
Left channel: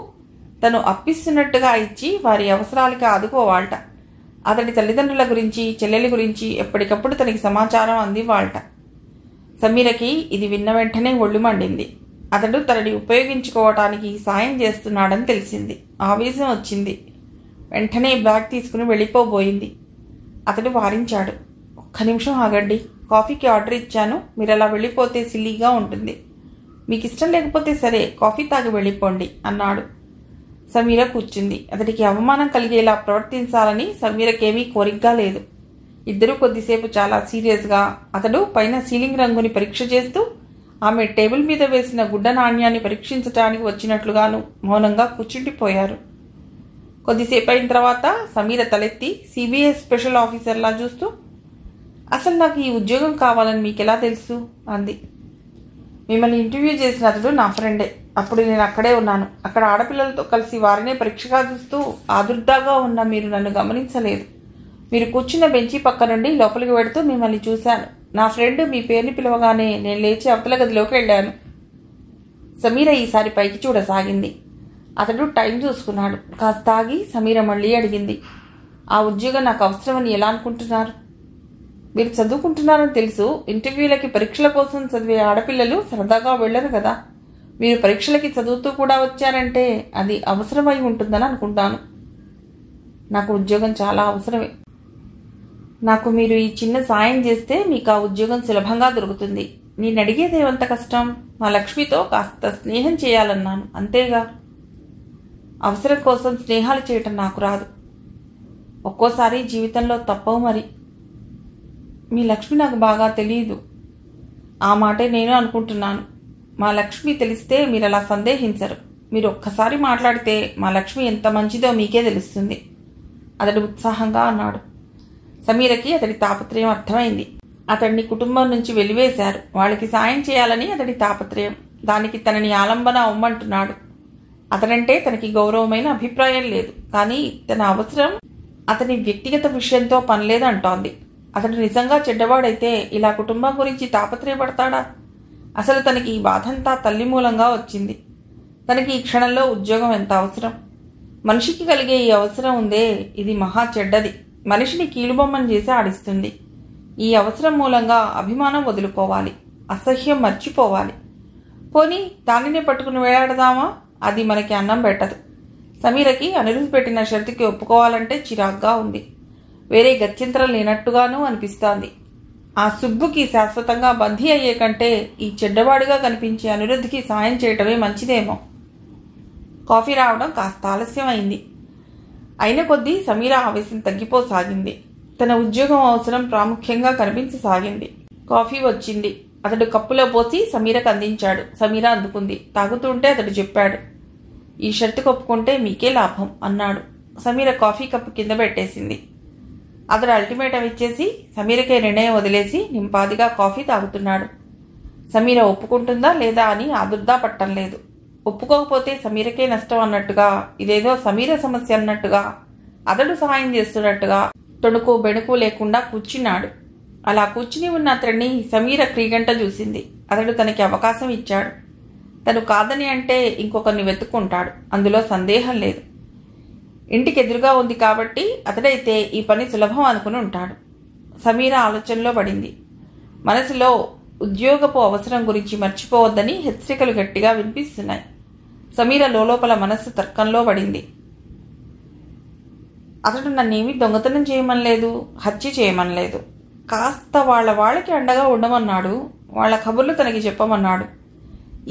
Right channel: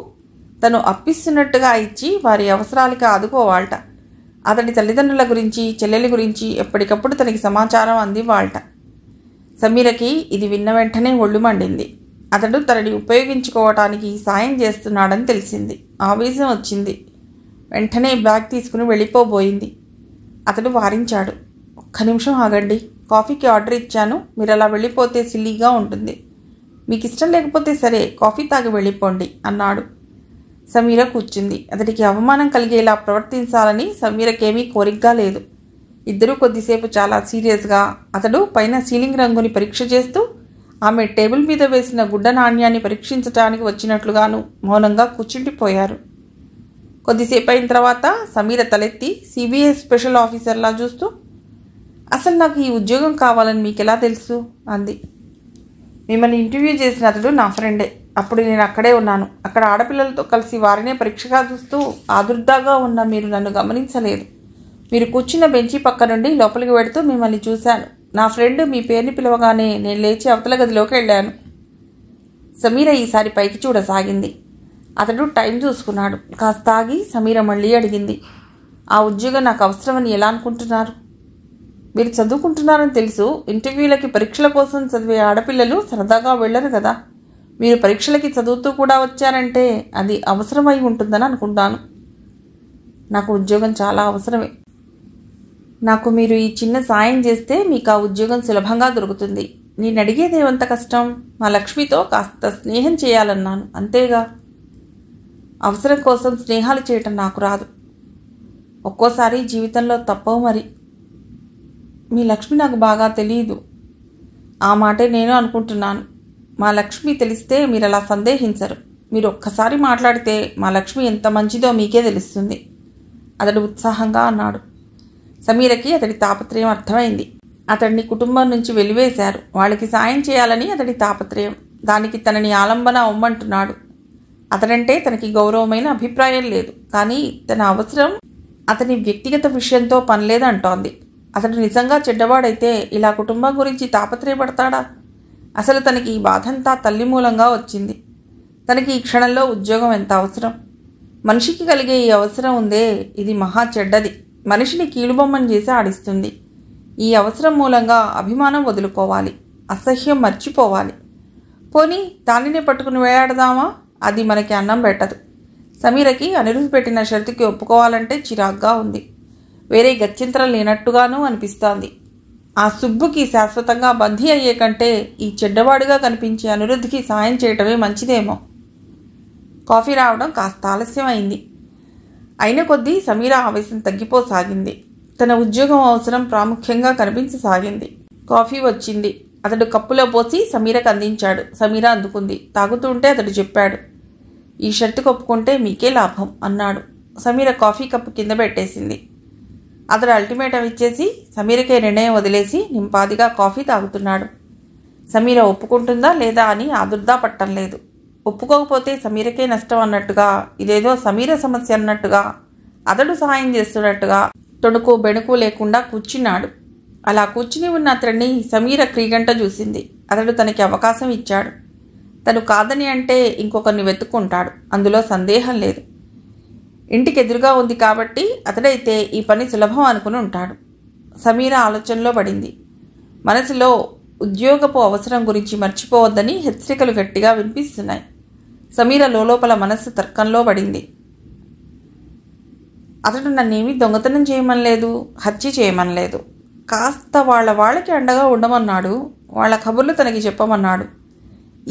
తను అప్పిస్తున్నట్టుగా ఇచ్చి వారి అవసరాలకి ఆదుకోవాలట. అతడి తల్లిదండ్రుల గురించి, చెల్లెలి గురించి ఎప్పటికప్పుడు తనకి సమాచారం అందివ్వాలట. సమీరకి ఇది విన్న వెంటనే ఒళ్ళు మండింది. అతడు తనని ఉపయోగించుకోవటానికి సాయం చేస్తున్నాడని తెలిసింది. ఆవేశం వచ్చింది. వెంటనే బ్యాగ్ తీసుకుని వెళ్ళిపోబోయింది. అతడు వారించాడు. ఒక్క నిమిషం ఆగండి, కాఫీకి ఆర్డర్ ఇచ్చాను. మీరు అలా వెళ్ళిపోతే సిల్లీగా ఉంటుంది. మీకు ఇష్టం లేకపోతే సరే, కాఫీ తాగి వెళ్ళిపోండి అన్నాడు. సమీర కూర్చుంది. అతడికి అవమానం కలిగేలా ప్రవర్తించాలని సమీరకేమీ కోరికగా లేదు. ఇద్దరూ కొద్దిసేపు చాలా సీరియస్గా, అతడు పైన సీలింగ్ రంగుని పరీక్ష చేస్తూ, ఆమె టేబుల్ మీద వేసిన గుడ్డ నాణ్యాన్ని పరీక్షించటానికి వచ్చినట్లుగాను మౌనంగా కూర్చుండిపోయారు. కొద్దిసేపు అయిన తర్వాత సమీర తలెత్తి సిబిఐ స్పెషల్ ఆఫీసర్లా చూస్తూ, అసలు నాకు ఈ ఉద్యోగం కావాలని మీకెలా తెలుసు అంది. మిమ్మల్ని ఇంటర్వ్యూ చేసిన అతడు నా ఫ్రెండే. అప్పుడు నేను అక్కడే ఉన్నాను. అక్కడ ఆడపిల్లలతో కలిసి వారినే పరీక్షగా చూస్తూ ఆదుర్దాగా ఉన్న మీరు నన్ను గమనించలేదు. మీరు కూర్చున్న బెంచి పక్క నుండి లోపలికి వెడుతూ మిమ్మల్ని చూశాను. నా ఫ్రెండ్ మీ పేరుని పిలవగానే నేను లేచి అవతల గదిలోకి వెళ్ళాను. సమీర ఈసారి పైకి చూడసాగింది. అతడు టైం చూసుకున్నాడు. కాస్త ఆగి సమీర మళ్ళీ అడిగింది, ఆ ఉద్యోగం నాకు అవసరమని ఎలా అనుకుంటున్నారు? మీరు చదువుకుంటున్నారని తెలుసు. ఇంటర్వ్యూలకి పరీక్షల కోసం చదివే ఆడపిల్లలు సరదాగా వెళ్ళరు కదా. మీరు పరీక్షలకి చదువుతూ కూడా వచ్చారంటే అది అవసరమై ఉంటుందని అనుకుంటాను. నాకు ఉద్యోగం చాలా అవసరమే. నాకు మీరు ఈ చిన్న సాయం చేస్తే మీకు ఆ ఉద్యోగం సులభంగా దొరుకుతుంది. నేను అడిగేదేమంత కష్టం? మా లక్ష్మితో కాస్త స్నేహం చేయాలన్నాను, అంతేగా. అవసరం కోసం స్నేహాలు చేయటం నాకు రాదు. ఒక్కోసారి జీవితంలో తప్పవు మరి. మీ లక్ష్మి నాకు బాగా తెలియదు. ఆ మాటే నేను అనుకుంటున్నాను. మా లక్ష్మి తెలిస్తే మీరు అలా సందేహించరు. మీరు ఒక్కసారి మాట్లాడితే మా లక్ష్మి ఎంత మంచిదో మీకే తెలుస్తుంది అతడు ఉత్సాహంగా అన్నాడు. సమీరకి అతడి తాపత్రయం అర్థమైంది. అతడిని కుటుంబం నుంచి వెలివేశారు. వాళ్ళకి సాయం చేయాలని అతడి తాపత్రయం. దానికి తనని ఆలంబన అవ్వమంటున్నాడు. అతడంటే తనకి గౌరవమైన అభిప్రాయం లేదు, కానీ తన అవసరం అతని వ్యక్తిగత విషయంతో పనిలేదంటోంది. అతడు నిజంగా చెడ్డవాడైతే ఇలా కుటుంబం గురించి తాపత్రయపడతాడా? అసలు తనకి ఈ బాధంతా తల్లి మూలంగా వచ్చింది. తనకి ఈ క్షణంలో ఉద్యోగం ఎంత అవసరం? మనిషికి కలిగే ఈ అవసరం ఉందే, ఇది మహా చెడ్డది. మనిషిని కీలుబొమ్మని చేసి ఆడిస్తుంది. ఈ అవసరం మూలంగా అభిమానం వదులుకోవాలి, అసహ్యం మర్చిపోవాలి. పోనీ దానినే పట్టుకుని వేలాడదామా? అది మనకి అన్నం పెట్టదు. సమీరకి అనిరుద్ధ్ పెట్టిన షరతుకి ఒప్పుకోవాలంటే చిరాగ్గా ఉంది. వేరే గత్యంతరం లేనట్టుగానూ అనిపిస్తోంది. ఆ సుబ్బుకి శాశ్వతంగా బందీ అయ్యే కంటే ఈ చెడ్డవాడిగా కనిపించే అనిరుద్ధ్కి సాయం చేయటమే మంచిదేమో. కాఫీ రావడం కాస్త ఆలస్యం అయింది. అయిన కొద్దీ సమీర ఆవేశం తగ్గిపోసాగింది. తన ఉద్యోగం అవసరం ప్రాముఖ్యంగా కనిపించసాగింది. కాఫీ వచ్చింది. అతడు కప్పులో పోసి సమీరకు అందించాడు. సమీర అందుకుంది. తాగుతుంటే అతడు చెప్పాడు, ఈ షర్టుకు ఒప్పుకుంటే మీకే లాభం అన్నాడు. సమీర కాఫీ కప్పు కింద పెట్టేసింది. అతడు అల్టిమేటం ఇచ్చేసి సమీరకే నిర్ణయం వదిలేసి నింపాదిగా కాఫీ తాగుతున్నాడు. సమీర ఒప్పుకుంటుందా లేదా అని ఆదుర్దా పట్టం లేదు. ఒప్పుకోకపోతే సమీరకే నష్టం అన్నట్టుగా, ఇదేదో సమీర సమస్య అన్నట్టుగా, అతడు సహాయం చేస్తున్నట్టుగా తొణుకు బెణుకు లేకుండా కూర్చున్నాడు. అలా కూర్చుని ఉన్న అతడిని సమీర క్రీగంట చూసింది. అతడు తనకి అవకాశం ఇచ్చాడు. తను కాదని అంటే ఇంకొకరిని వెతుక్కుంటాడు, అందులో సందేహం లేదు. ఇంటికి ఎదురుగా ఉంది కాబట్టి అతడైతే ఈ పని సులభం అనుకుని ఉంటాడు. సమీర ఆలోచనలో పడింది. మనసులో ఉద్యోగపు అవసరం గురించి మర్చిపోవద్దని హెచ్చరికలు గట్టిగా వినిపిస్తున్నాయి. సమీర లోపల మనస్సు తర్కంలో పడింది. అతడు నన్నేమీ దొంగతనం చేయమనలేదు, హత్య చేయమనలేదు. కాస్త వాళ్ళకి అండగా ఉండమన్నాడు. వాళ్ళ కబుర్లు తనకి చెప్పమన్నాడు.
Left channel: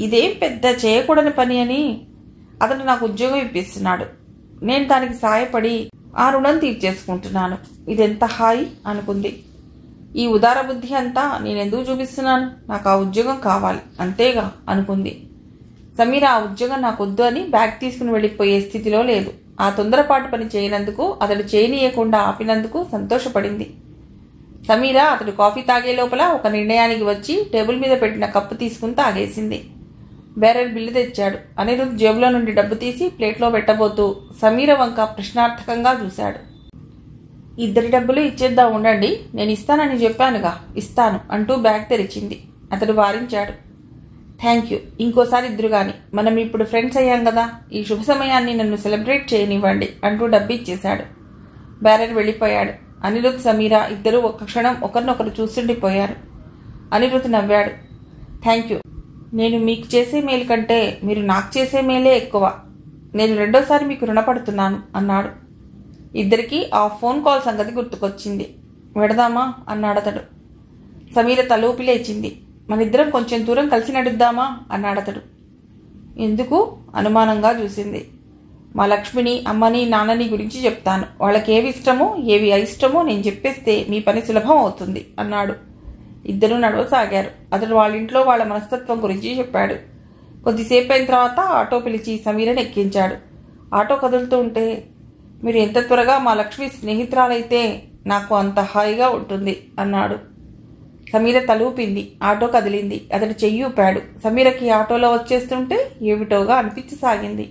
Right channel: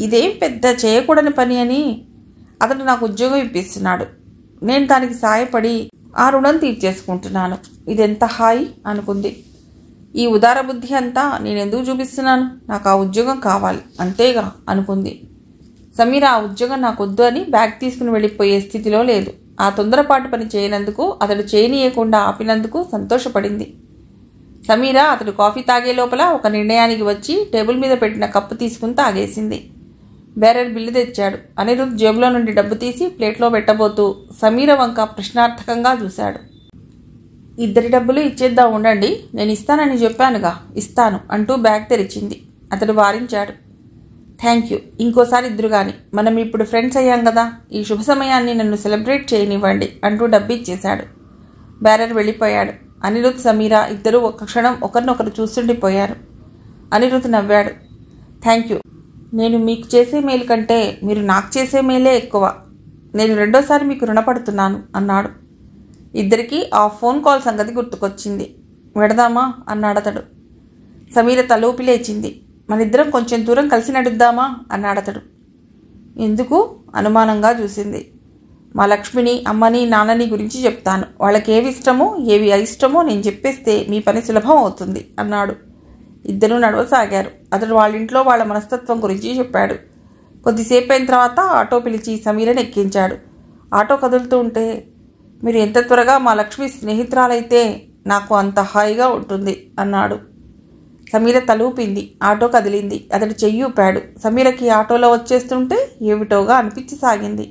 ఇదేం పెద్ద చేయకూడని పని అని అతడు నాకు ఉద్యోగం ఇప్పిస్తున్నాడు. నేను దానికి సాయపడి ఆ రుణం తీర్చేసుకుంటున్నాను. ఇదెంత హాయి అనుకుంది. ఈ ఉదార బుద్ధి అంతా నేనెందుకు చూపిస్తున్నాను? నాకు ఆ ఉద్యోగం కావాలి అంతేగా అనుకుంది. సమీర ఆ ఉద్యోగం నాకొద్దు అని బ్యాగ్ తీసుకుని వెళ్ళిపోయే స్థితిలో లేదు. ఆ తొందరపాటు పని చేయనందుకు, అతడు చేయనీయకుండా ఆపినందుకు సంతోషపడింది. సమీర అతడు కాఫీ తాగే లోపల ఒక నిర్ణయానికి వచ్చి టేబుల్ మీద పెట్టిన కప్పు తీసుకుని తాగేసింది. బేరర్ బిల్లు తెచ్చాడు. అనిరుద్ధ్ జేబులో నుండి డబ్బు తీసి ప్లేట్లో పెట్టబోతూ సమీర వంక ప్రశ్నార్థకంగా చూశాడు. ఇద్దరి డబ్బులు ఇచ్చేద్దాం ఉండండి, నేను ఇస్తానని చెప్పానుగా, ఇస్తాను అంటూ బ్యాగ్ తెరిచింది. అతడు వారించాడు. థ్యాంక్ యూ, ఇంకోసారి ఇద్దరు గాని, మనం ఇప్పుడు ఫ్రెండ్స్ అయ్యాం కదా, ఈ శుభ సమయాన్ని నన్ను సెలబ్రేట్ చేయనివ్వండి అంటూ డబ్బు ఇచ్చేశాడు. బేరర్ వెళ్ళిపోయాడు. అనిరుద్ధ్ సమీర ఇద్దరూ ఒక్క క్షణం ఒకరినొకరు చూస్తుండిపోయారు. అనిరుద్ధ్ నవ్వాడు. థ్యాంక్ యూ, నేను మీకు చేసే మేలు కంటే మీరు నాకు చేసే మేలే ఎక్కువ. నేను రెండోసారి మీకు రుణపడుతున్నాను అన్నాడు. ఇద్దరికీ ఆ ఫోన్ కాల్ సంగతి గుర్తుకొచ్చింది. వెడదామా అన్నాడతడు. సమీర తలూపి లేచింది. మనిద్దరం కొంచెం దూరం కలిసి నడుద్దామా అన్నాడతడు. ఎందుకు అనుమానంగా చూసింది. మా లక్ష్మిని, అమ్మని, నాన్నని గురించి చెప్తాను. వాళ్ళకేవి ఇష్టమో ఏవి అయిష్టమో నేను చెప్పేస్తే మీ పని సులభం అవుతుంది అన్నాడు. ఇద్దరూ నడవసాగారు. అతడు వాళ్ళ ఇంట్లో వాళ్ళ మనస్తత్వం గురించి చెప్పాడు. కొద్దిసేపు అయిన తర్వాత ఆటో పిలిచి సమీరని ఎక్కించాడు. ఆటో కదులుతూ ఉంటే, మీరు ఎంత త్వరగా మా లక్ష్మి స్నేహితురాలైతే నాకు అంత హాయిగా ఉంటుంది అన్నాడు. సమీర తలూపింది. ఆటో కదిలింది. అతడు చెయ్యి ఊపాడు. సమీరకి ఆటోలో వచ్చేస్తుంటే ఏమిటోగా అనిపించసాగింది.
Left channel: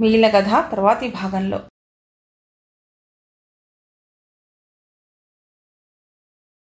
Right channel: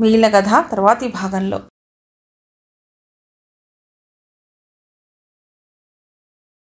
మిగిలిన కథ తర్వాతి భాగంలో.